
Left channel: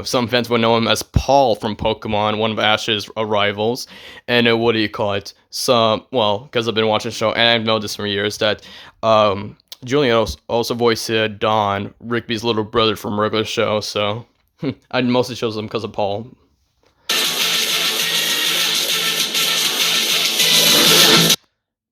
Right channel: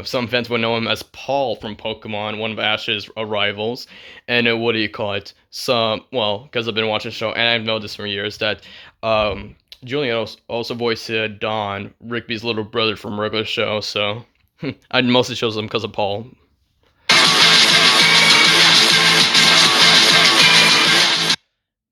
Some fans would know him as Paul from Pokemon, one of Ash's rivals. And what do you call it? Because I've been watching the show, and I've known this for years that Julian also voiced Don, Rigby's little brother from regular show. So I mostly chose him because of Paul.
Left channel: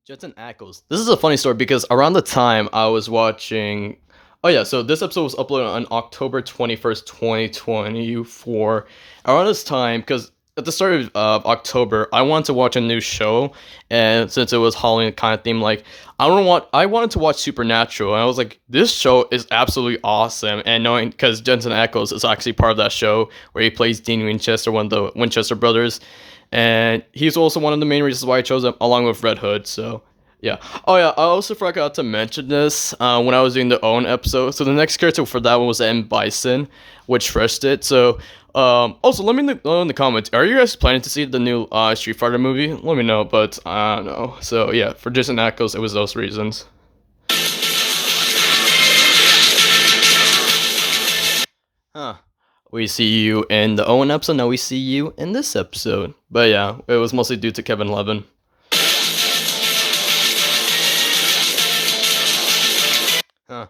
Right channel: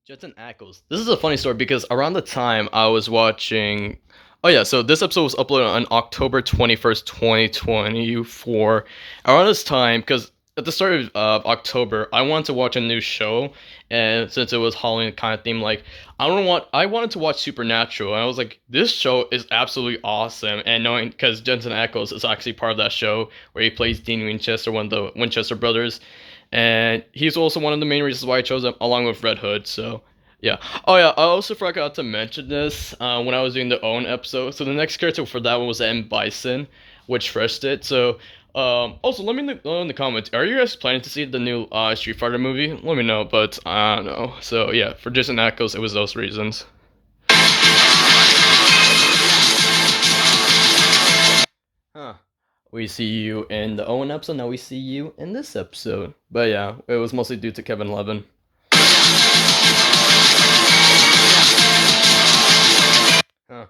Jetson Ackles. This is a funny story because around the time I was watching. Oh yeah, so this episode was uploaded on October 21st, 2024. Around this time, because at the start of October, I wanted to watch a new show, and since it was Halloween kind of theme, like I wanted to watch Supernatural, and I was like, this show is absolutely awesome. And knowing because Jensen Ackles is actually part of that show where he plays Dean Winchester, one of the Winchester brothers, and he's also one of the main reasons why I chose him, along with Red Hood. So yeah. Oh yeah. I also forgot to mention this when I was doing the Owen episode. So the next character for that one was M Bison, which first it. So also let me know in the comments. Are you guys planning to see the new Street Fighter movie? Let me know. But I don't know. So yeah, for Jason Ackles, it was those reasons. Huh. We see you in the Owen episode. Now we see you in this episode. But yeah, it was mostly due to Kevin Levin. Huh.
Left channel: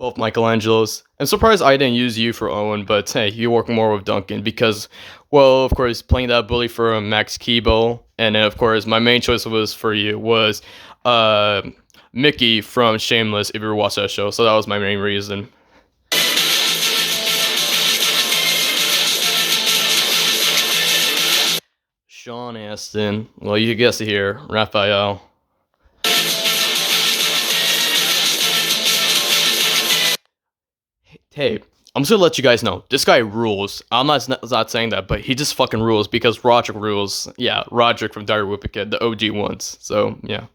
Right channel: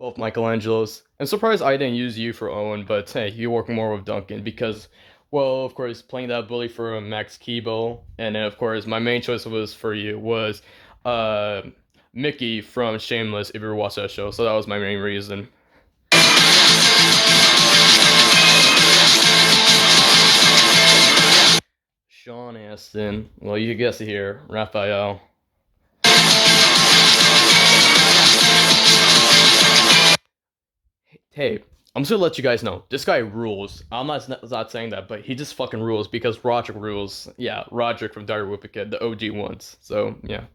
Both Michelangelos. I'm surprised I didn't use you for Owen, but hey, you work more with Duncan because, well, of course, playing that bully for Max Keeble, and then, of course, my main choice was for you was Mickey from Shameless, if you ever watched that show, so that was my main reason. Sean Astin, well, you guessed it here, Raphael. Hey, I'm just gonna let you guys know this guy rules. I'm not saying that, but he just fucking rules because Roderick rules. Yeah, Roderick from Dire Whippet, the OG ones. So yeah.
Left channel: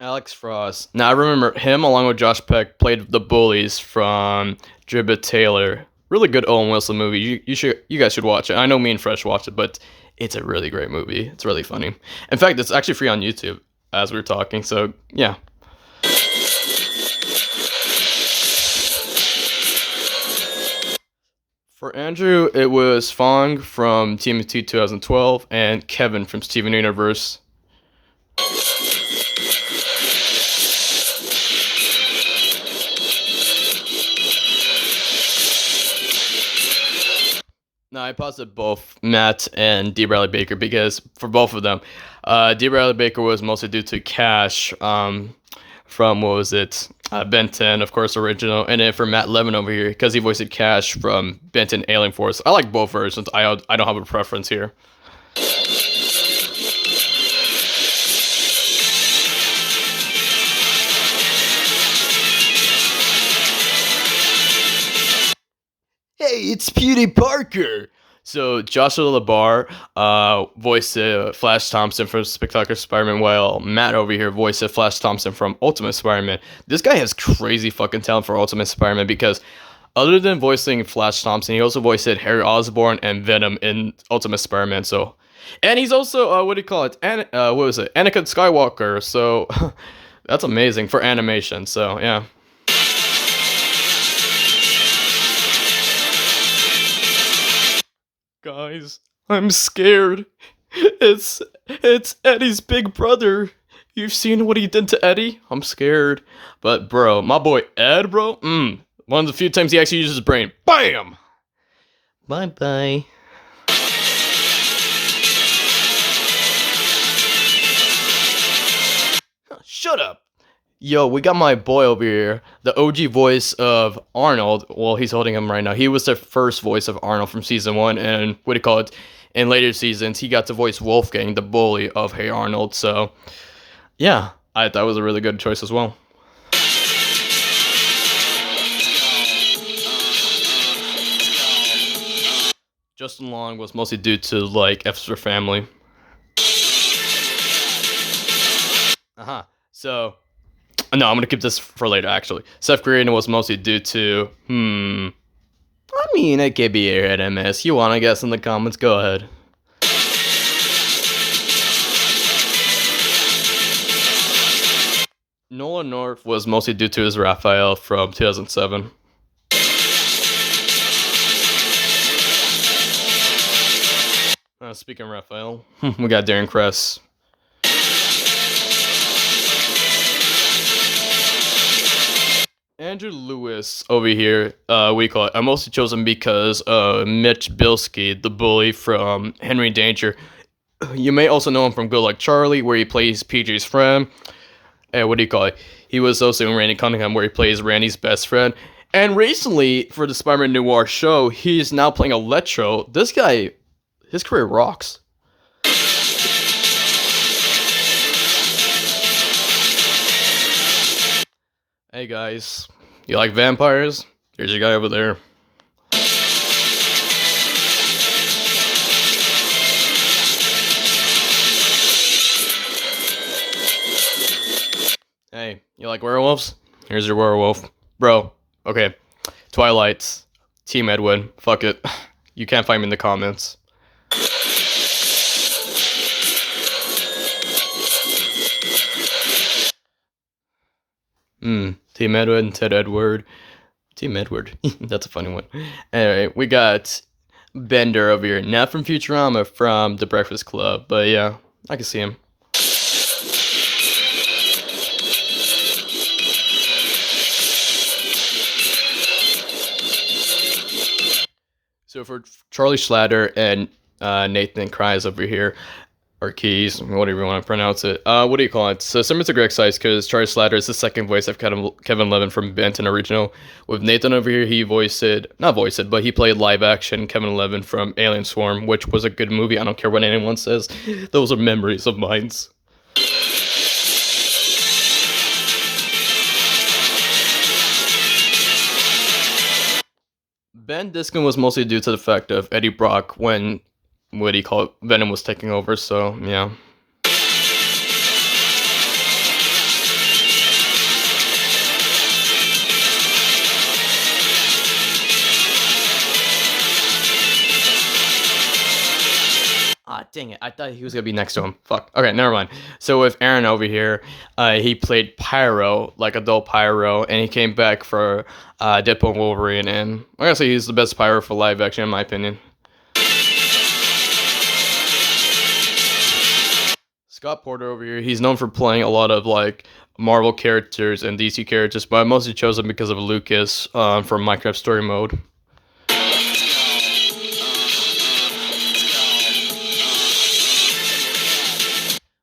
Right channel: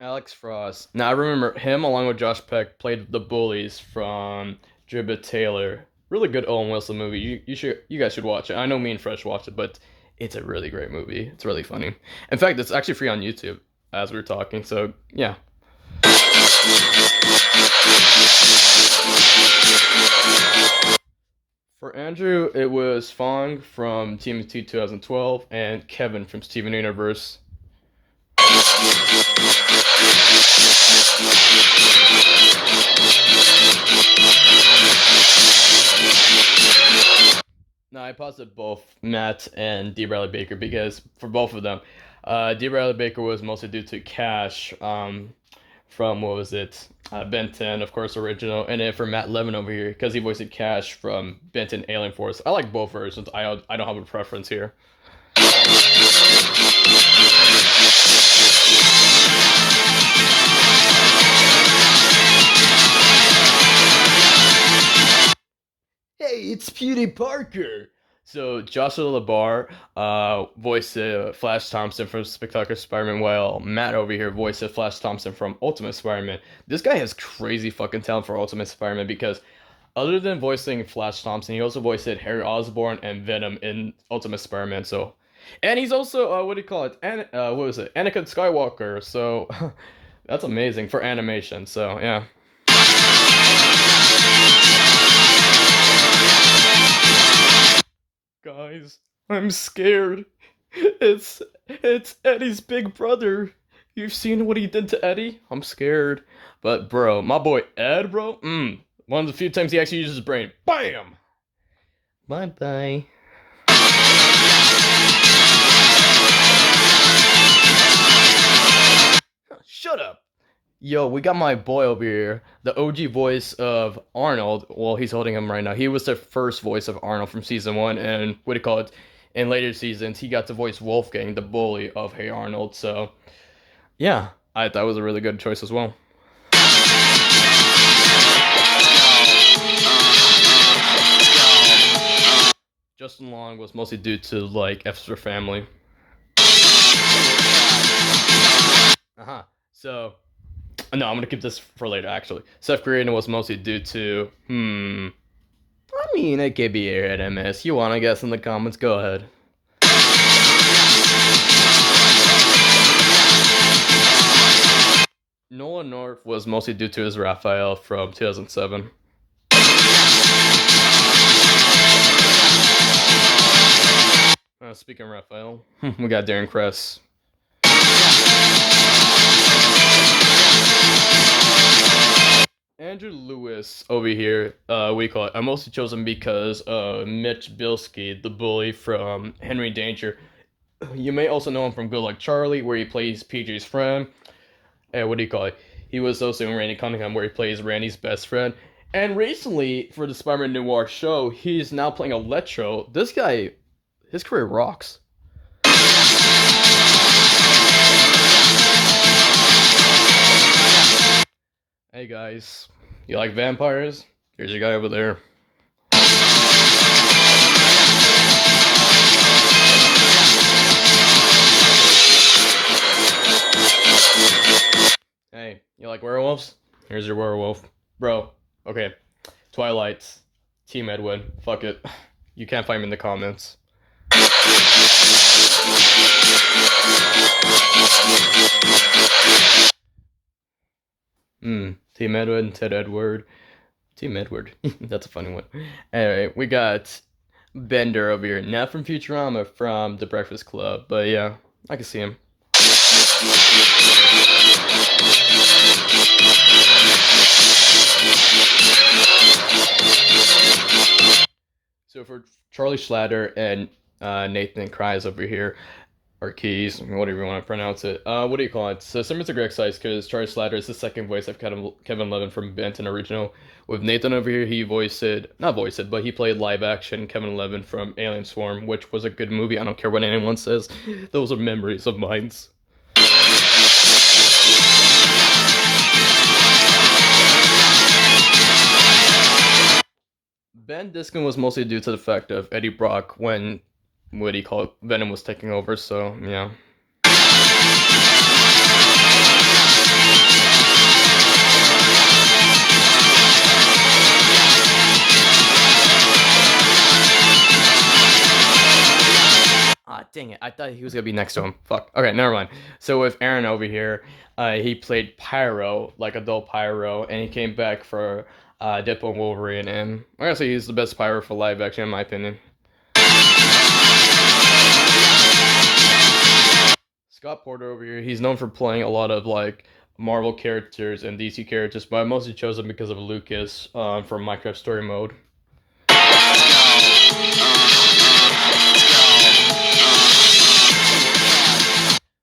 Alex Frost. Now I remember him along with Josh Peck played the bullies from Dribbit Taylor. Really good Owen Wilson movie. You guys should watch it. I know me and Fresh watched it, but it's a really great movie. It's really funny. In fact, it's actually free on YouTube as we are talking. So yeah. For Andrew, it was Fong from TMT 2012 and Kevin from Steven Universe. No, I posited both Matt and D. Bradley Baker because for both of them, D. Bradley Baker was mostly due to Cash from, what was it, Ben 10, of course, original, and then for Matt Levin over here because he voiced Cash from Ben 10 Alien Force. I like both versions. I don't have a preference here. Hey, it's Pewdie Parker. So Joshua LaBar voiced Flash Thompson from Spectacular Spider-Man, while Matt over here voiced Flash Thompson from Ultimate Spider-Man. This guy has crazy fucking talent for Ultimate Spider-Man because other than voicing Flash Thompson, he also voiced Harry Osborn and Venom in Ultimate Spider-Man. So, and he's also what do you call it? What was it? Anakin Skywalker. So that's amazing for animation. So yeah. Guys, I'm scared. It's Eddie's big brother. You've seen what he did to Eddie? I'm scared. But bro, my boy Ed, bro, one of the few times he actually uses his brain. Bam! Bye bye. Shut up. Yo, we got my boy over here, the OG voice of Arnold. Well, he's holding him right now. He was the first voice of Arnold from season 1, and what do you call it? In later seasons, he got to voice Wolfgang, the bully of Hey Arnold. So, yeah, I thought it was a really good choice as well. Justin Long was mostly due to, like, Extra Family. So, no, I'm gonna keep this for later, actually. Seth Green was mostly due to, I mean, it could be Airhead MS. You wanna guess in the comments? Go ahead. Nolan North was mostly due to his Raphael from 2007. Speaking of Raphael, we got Darren Kress. Andrew Lewis over here, we call it. I mostly chose him because Mitch Bilski, the bully from Henry Danger. You may also know him from Good Luck Charlie, where he plays PJ's friend. And what do you call it? He was also in Randy Cunningham, where he plays Randy's best friend. And recently, for the Spider-Man Noir show, he's now playing Electro. This guy, his career rocks. Hey guys, you like vampires? Here's your guy over there. Hey, you like werewolves? Here's your werewolf. Bro, okay. Twilight, Team Edwin, fuck it. You can't find me in the comments. Team Edward, Ted Edward. Team Edward. That's a funny one. Anyway, we got Bender over here. Not from Futurama, from The Breakfast Club. But yeah, I can see him. So for Charlie Schlatter and Nathan Kryes over here, or Keys, whatever you want to pronounce it. What do you call it? So similar to Greg Sykes, because Charlie Slatter is the second voice of Kevin Levin from Benton original. With Nathan over here, he but he played live action Kevin Levin from Alien Swarm, which was a good movie. I don't care what anyone says. Those are memories of mine. Ben Diskin was mostly due to the fact of Eddie Brock when, what do you call it, Venom was taking over, so yeah. Ah, dang it. I thought he was going to be next to him. Fuck. Okay, never mind. So with Aaron over here, he played Pyro, like adult Pyro, and he came back for Deadpool and Wolverine, and I gotta say he's the best Pyro for live action, in my opinion. Scott Porter over here, he's known for playing a lot of, like, Marvel characters and DC characters, but I mostly chose him because of Lucas from Minecraft Story Mode.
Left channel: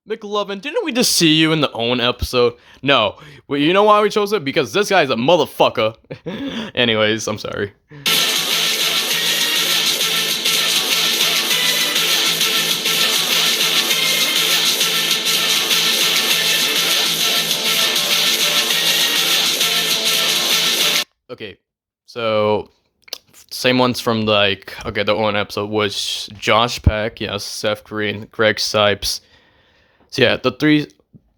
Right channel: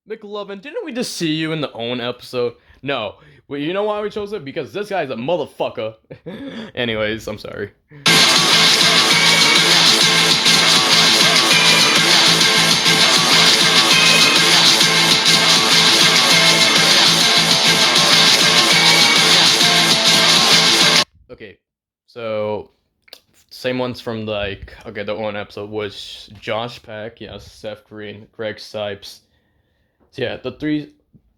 McLovin, didn't we just see you in the Owen episode? No. Well, you know why we chose it? Because this guy's a motherfucker. Anyways, I'm sorry. Okay, so same ones from like the Owen episode was Josh Peck, yes, Seth Green, Greg Sipes. So yeah, the three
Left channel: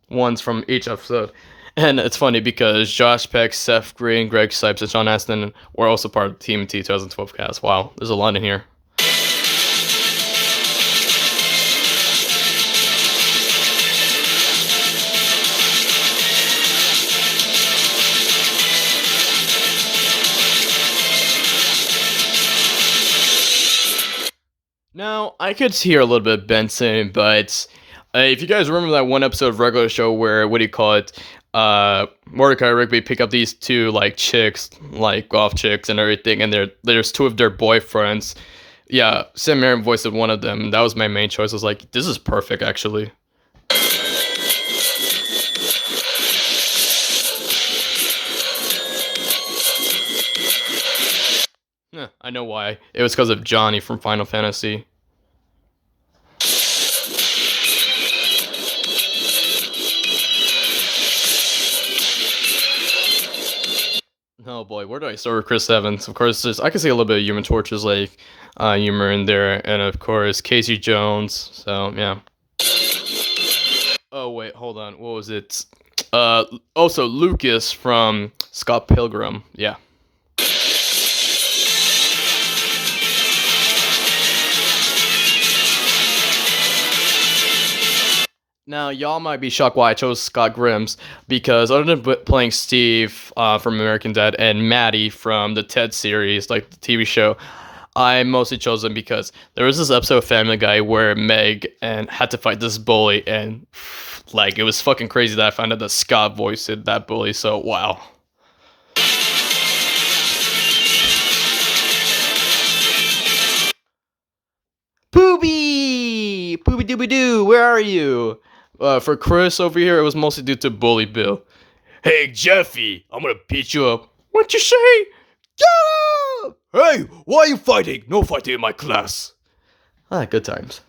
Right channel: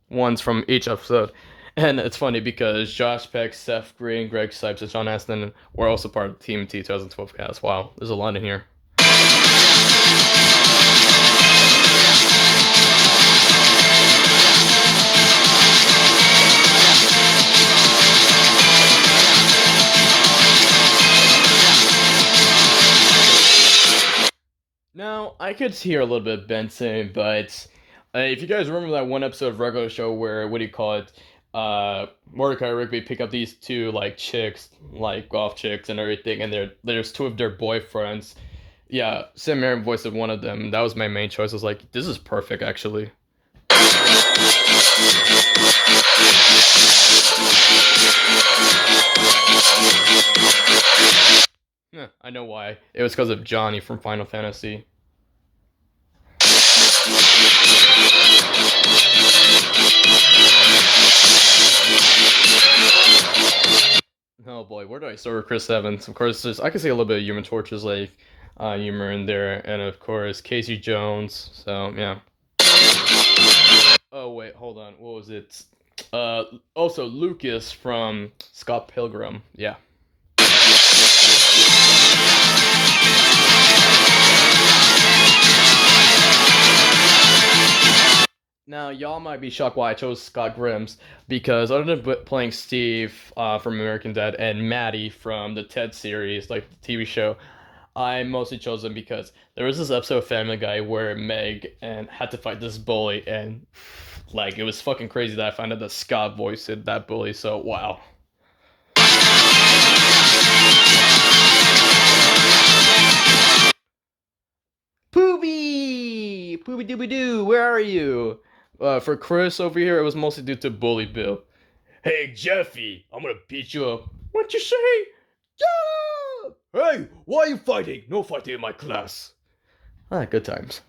ones from each episode. And it's funny because Josh Peck, Seth Green, Greg Sipes, and Sean Astin were also part of the Team T 2012 cast. Wow, there's a lot in here. Now, I could hear a little bit of Benson, but if you guys remember that one episode of Regular Show where, what do you call it, Mordecai and Rigby pick up these two, like, chicks, like, golf chicks and everything, and there's two of their boyfriends. Yeah, Sam Marin voiced one of them. That was my main choice. I was like, this is perfect, actually. Yeah, I know why. It was because of Johnny from Final Fantasy. Oh boy, where do I start with Chris Evans? Of course, I can see a little bit of Human Torch's like humor in there, and of course Casey Jones. So yeah. Oh wait, hold on. What was it? Also Lucas from Scott Pilgrim. Yeah. Now, y'all might be shocked why I chose Scott Grimes, because other than playing Steve from American Dad and Maddie from the Ted series, like the TV show, I mostly chose him because there was this episode of Family Guy where Meg and had to fight this bully, and like it was fucking crazy that I found out that Scott voiced that bully, so wow. Poopy! Poopy dooby doo, where are you? For Chris over here, it was mostly due to Bully Bill. Hey, Jeffy, I'm gonna beat you up. What you say? Get up! Hey, why are you fighting? No fighting in my class. Ah, good times.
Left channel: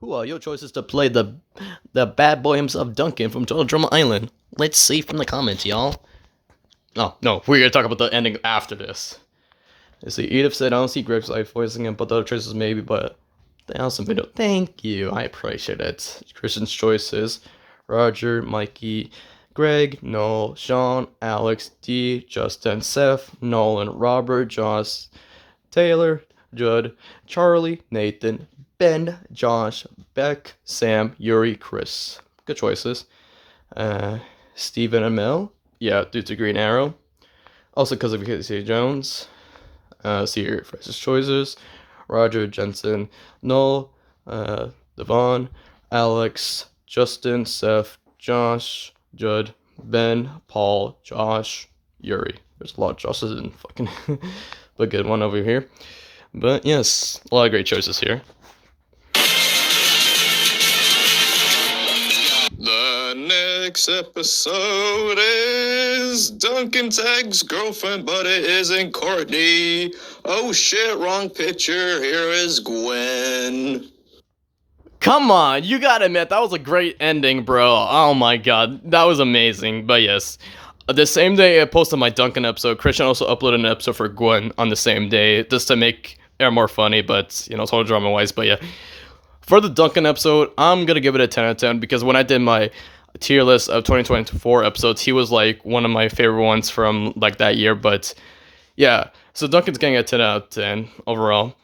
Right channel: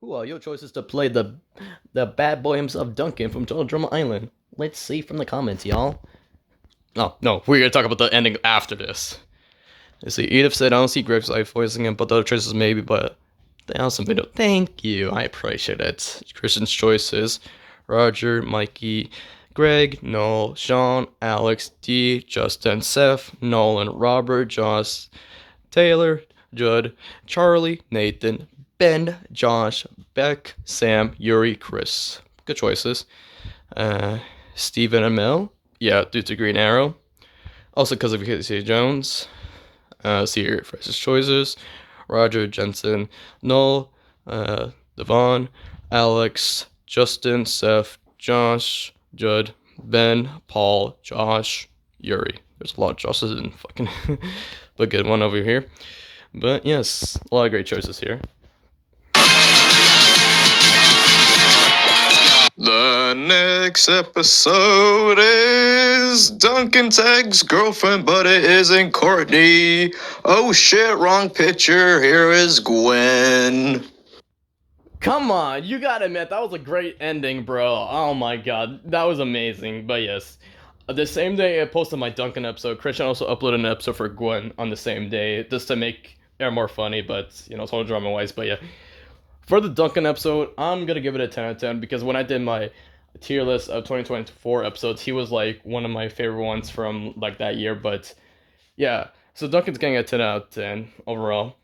Who are your choices to play the bad boy himself, Duncan from Total Drama Island? Let's see from the comments, y'all. Oh, no, we're gonna talk about the ending after this. You see, Edith said, I don't see Greg's life voicing him, but the other choices maybe, but the awesome video. Thank you, I appreciate it. Christian's choices, Roger, Mikey, Greg, Noel, Sean, Alex, D, Justin, Seth, Nolan, Robert, Josh, Taylor, Judd, Charlie, Nathan, Ben, Josh, Beck, Sam, Yuri, Chris. Good choices. Stephen and Mel. Yeah, due to Green Arrow. Also because of Casey Jones. See your freshest choices. Roger, Jensen, Noel, Devon, Alex, Justin, Seth, Josh, Judd, Ben, Paul, Josh, Yuri. There's a lot of Joshes in fucking but good one over here. But yes, a lot of great choices here. The next episode is Duncan Tagg's girlfriend, but it isn't Courtney. Oh shit, wrong picture. Here is Gwen. Come on, you gotta admit, that was a great ending, bro. Oh my god, that was amazing. But yes, the same day I posted my Duncan episode, Christian also uploaded an episode for Gwen on the same day, just to make it more funny, but, you know, total drama-wise. But yeah, for the Duncan episode, I'm gonna give it a 10 out of 10, because when I did my tier list of 2024 episodes, he was, like, one of my favorite ones from, like, that year. But yeah, so Duncan's getting a 10 out of 10 overall.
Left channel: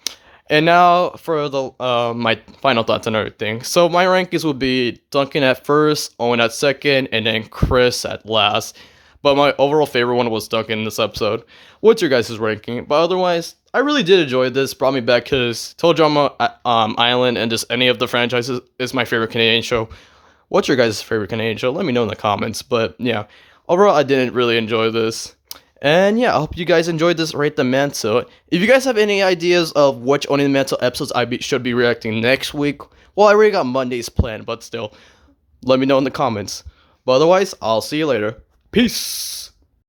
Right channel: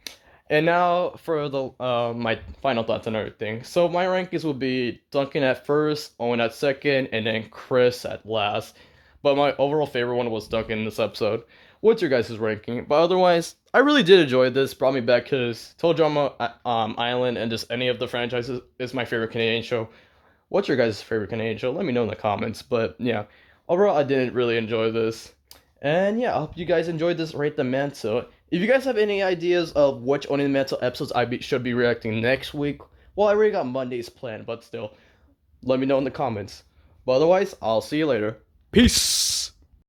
And now for the my final thoughts on everything. So my rankings would be Duncan at first, Owen at second, and then Chris at last. But my overall favorite one was Duncan in this episode. What's your guys' ranking? But otherwise, I really did enjoy this. Brought me back because Total Drama Island and just any of the franchises is my favorite Canadian show. What's your guys' favorite Canadian show? Let me know in the comments. But yeah, overall, I didn't really enjoy this. And yeah, I hope you guys enjoyed this Rate the Mantle. If you guys have any ideas of which Only the Mantle episodes should be reacting next week, well, I already got Mondays planned, but still, let me know in the comments. But otherwise, I'll see you later. Peace!